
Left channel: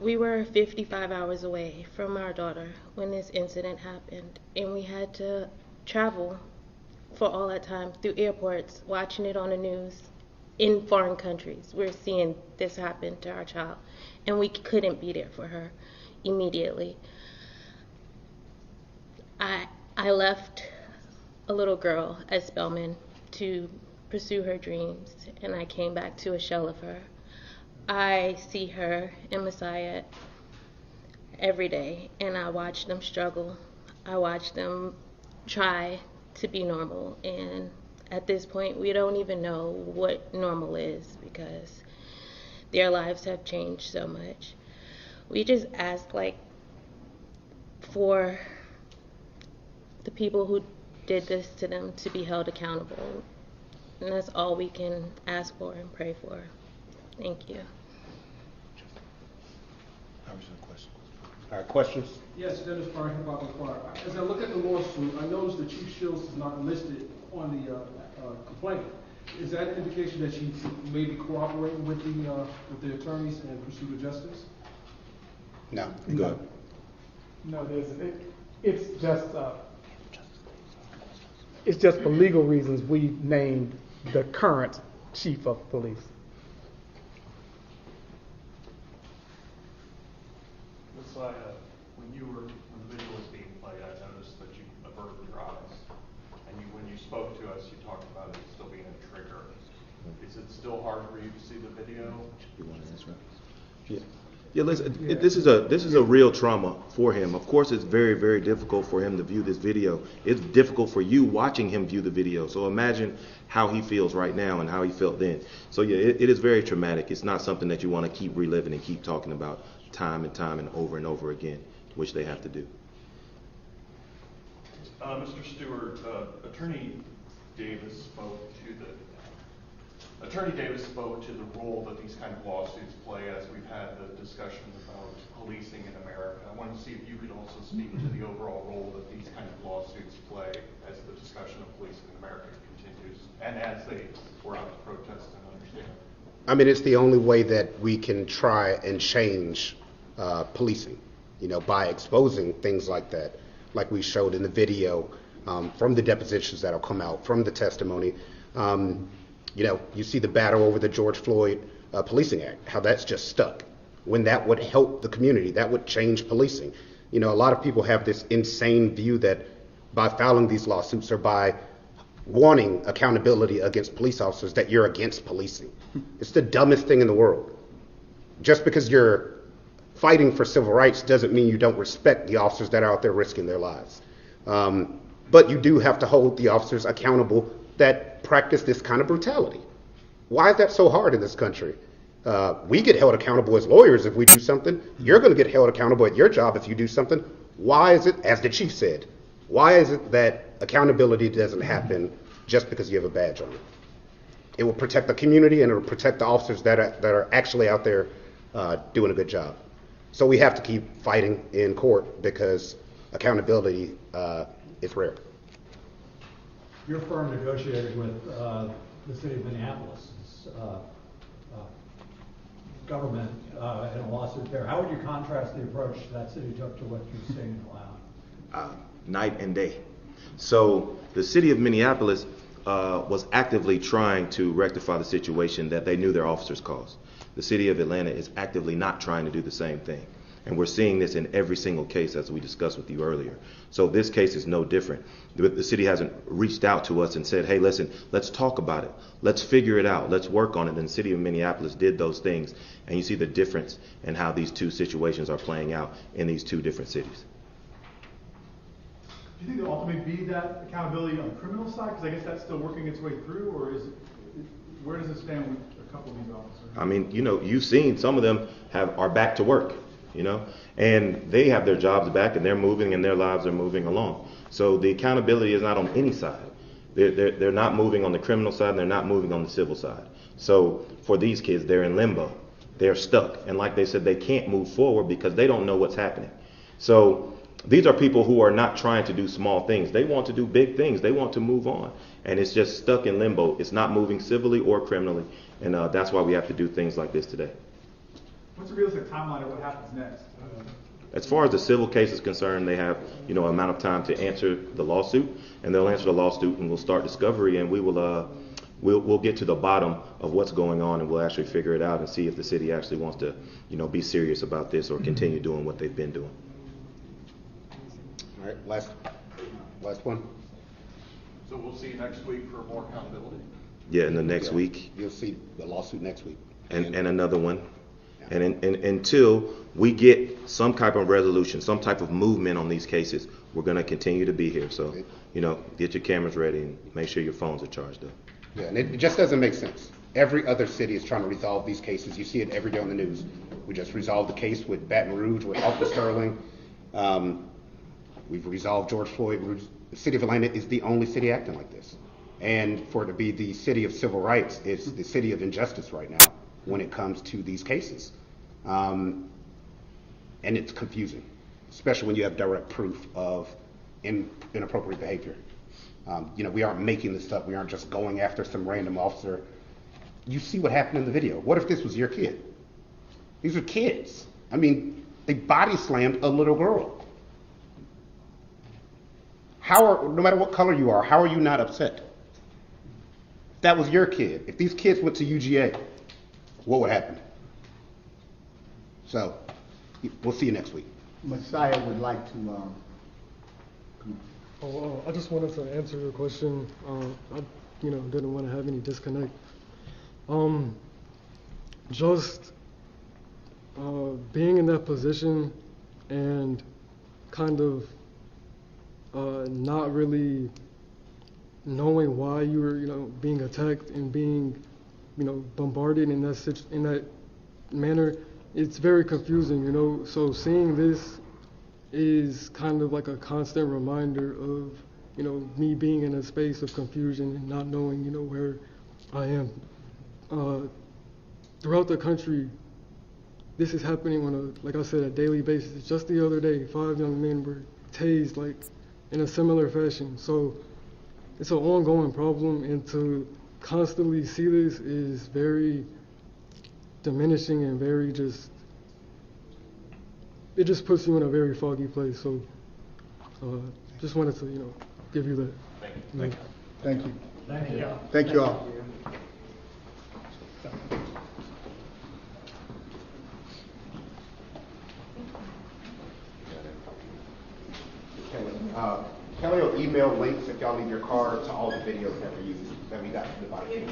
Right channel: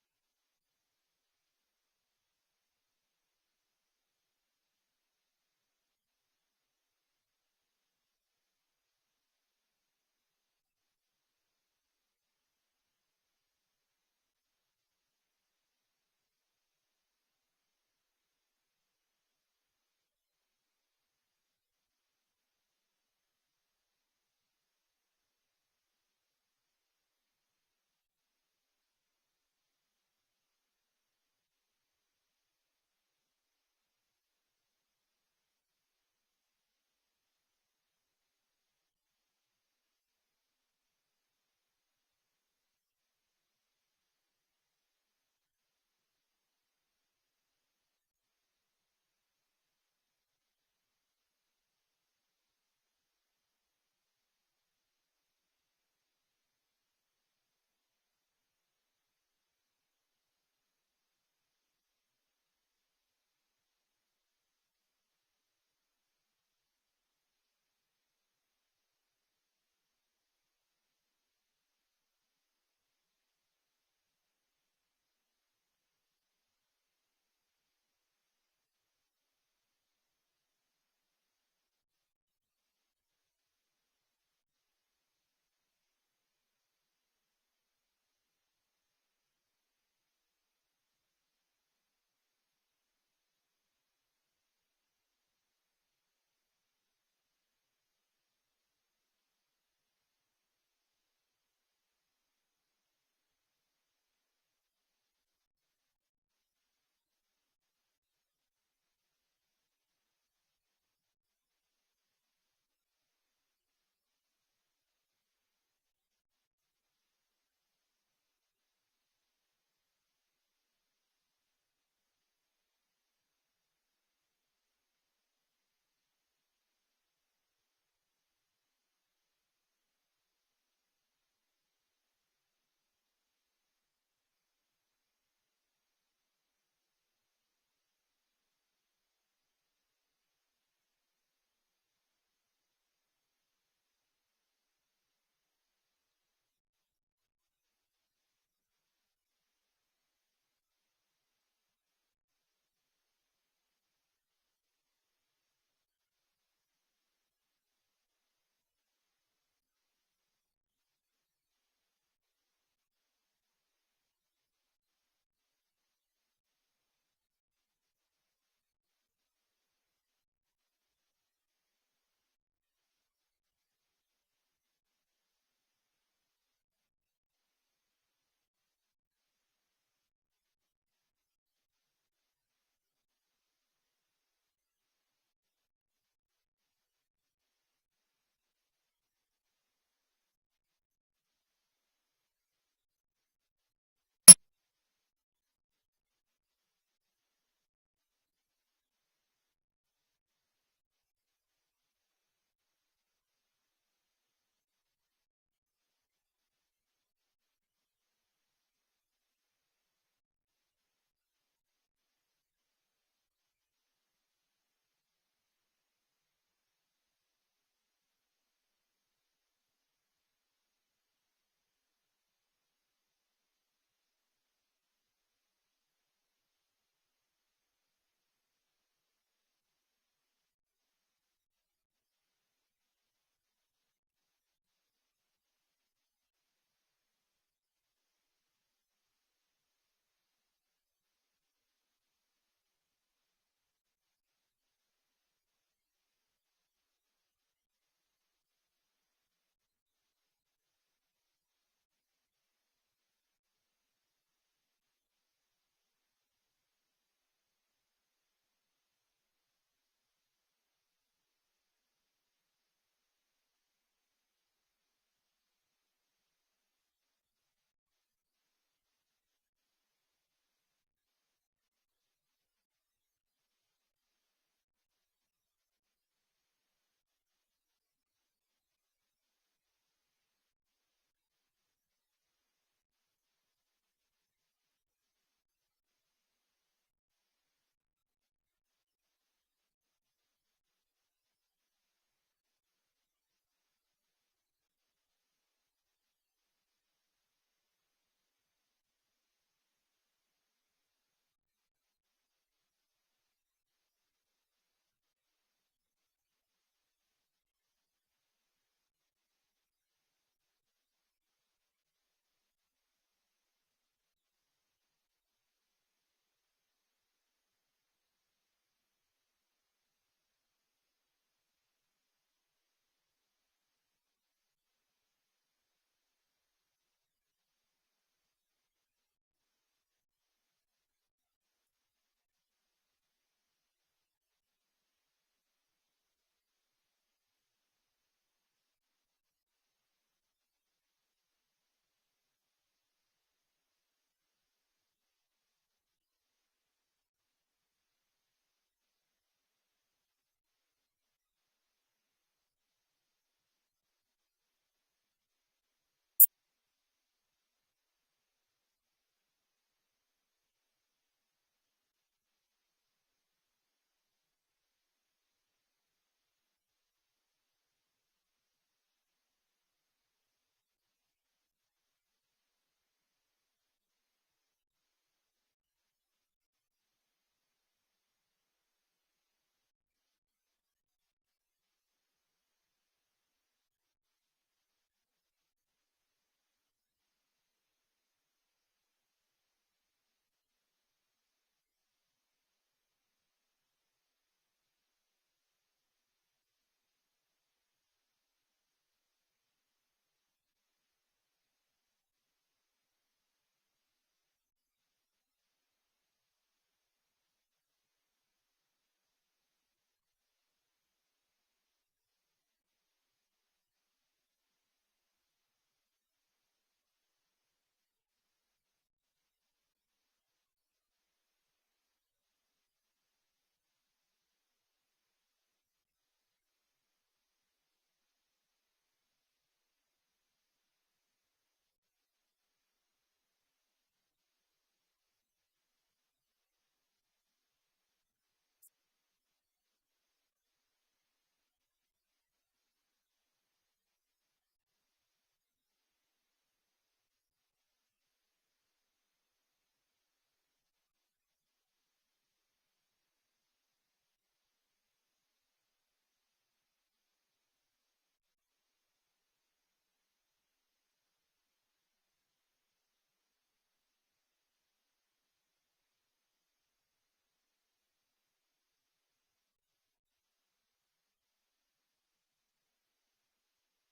we were 55 hours away from our daughter when this incident happened, and we had to travel for all that time through airports, watching it on the news. In foreign countries, we're seeing this happen to our child, and we couldn't be there for her immediately. I left a little girl at Spelman to pursue her dreams, and I came back to a shell of her. I see her and Messiah every day, and I watch them struggle. I watch them try to be normal, and at this point, we don't even know what normal is, because their lives have changed so much. We just ask, like, for the people who did this to them to be held accountable. And that's all we can ask for and pray for. Thank you. All right, questions? Yes, Dennis Farr, Hip Hop Inquirer. As I look at the lawsuit, I noticed that Chief Shields is not listed on the complaint. Is that an indication that she may be cooperating with the attorneys in pursuit of justice? No, good. No, it's just for legal reasons we named the current chief of police. Messiah, when the video was being played, I noticed that you averted your eyes, and when you spoke to us, you talked about it still being a trigger. Is it still hard for you to see the video? Yeah, listen, this is a real trauma for him. Of course, it's very, very difficult for him to view this video. It's difficult for you watching him view the video. So imagine how he feels right now and how he felt then. So yeah, it is very traumatic. It's not something that you want to keep reliving and keep talking about time and over again, which they have to do. Mr. Stewart, Attorney Davis spoke to the role that these kind of lawsuits play, as we've had the discussion about policing in America. I wanted to see if you could also speak to the overall role that these kind of lawsuits play as the discussion of policing in America continues, and as they were out to protest and understand. I mean, it's the only way that we can try and change policing, you know, by exposing things like that, like we showed in the video, from the depositions that'll come out, from the testimony. You know, you see the battle over the George Floyd Policing Act, how that's just stuck. When that would help the community, that would change policing. You know, a lot of people have this insane view that by filing these lawsuits or by wanting accountability against police officers, that you're against policing. It's the dumbest thing in the world. Just because you're fighting for civil rights doesn't mean you don't respect the officers that are out there risking their lives. But you do have to hold the officers accountable that practice this kind of brutality. Why is that so hard in this country? We get held accountable as lawyers if we do something. You're going to get held accountable at your job if you do something. Why is it, as the chief said, why is it that accountability doesn't happen just because you have a badge on it? It will protect the community and it will protect the officers that are actually out there doing a good job. So we have to keep fighting in court because accountability is rare. Your firm negotiated with the city of Minneapolis government in a lawsuit there. How would you contrast the approach that city took to what you're seeing now? Night and day. So the city of Minneapolis was actively trying to rectify the situation that they knew their officers caused. The city of Atlanta is actively not trying to do the same thing. And we're seeing this in every single case, as we discussed with you earlier. So this case is no different. The city hasn't reached out to us and said, hey, listen, let's talk about it. Let's figure it out. Let's work on it. And the city of Minneapolis did those things. And you see the difference in how these two situations are playing out in these two different cities. Do you think there'll ultimately be that accountability on the criminal side? Because I guess that's still working its way through, or where does it stand with a couple of these officers? I mean, you've seen some of them are back to work, and they have their jobs back and they're moving and their lives are moving along. So the accountability is not on any side. They're not moving on the criminal side and they're not moving on the civil side. So for these kids, they're in limbo. They're stuck. And like they said, they can't move forward because they don't know what's happening. So these are people who are not trying to do small things. They want to do big things. They want to move on. And it's just stuck in limbo. It's not moving civilly or criminally. And that's why we have to do things like this today. What's the realistic timeline of what happens next? As far as the civil case is concerned, they have, amount of time to answer the lawsuit, and they'll answer the lawsuit, and we'll start discovery, and we'll get to the bottom of what's going on, and we'll actually figure it out and see if the city actually wants to, be serious about this or continue doing what they've been doing. All right, last one. So we'll see you next week for more accountability? Yeah, in the next week. You'll see the lawsuit next week. And another one. And until we get some type of resolution, some type of movement on these cases, we're going to continue to be here. So, get your cameras ready and make sure your phones are charged up. Yeah, and it just doesn't make sense. Every other city is trying to resolve these cases. You see it every day on the news. We just resolved the case with Baton Rouge, with Alpha Sterling. We've resolved George Floyd. The city of Atlanta is the only city acting like this. And for it to be the city of civil rights, it's the city of injustice right now when it comes to these cases. And it's confusing, especially when you have direct proof of inappropriate behavior. We aren't making this up. We aren't just going after some random officer. You see what happened in the video. What if this was your kid? These are kids. I mean, they body slammed a little girl. No matter what color you are, how are you not upset? If that was your kid, if these kids went to UGA, what would happen? So, we'll see you next week. Messiah would like to, I just wanted to answer your question. I, didn't want to have any disconnect. Just being in that position and kind of not really knowing why you were, being attacked and being, bombarded in that manner, it's very confusing, So seeing this is kind of like a constant reminder of, me being in a space of confusion and not knowing, where I am. Throughout the country, this is happening on like I said, a daily basis. Just the other day, 5 young men were tased in a similar fashion. So it's an ongoing problem, and to constantly see this is very diminishing and very it just puts you in a very foggy place. So just wanted to, give you that. thank you. Thank you. Thank you all. Kelly will email links if y'all leave your card to all the videos that we got from the body.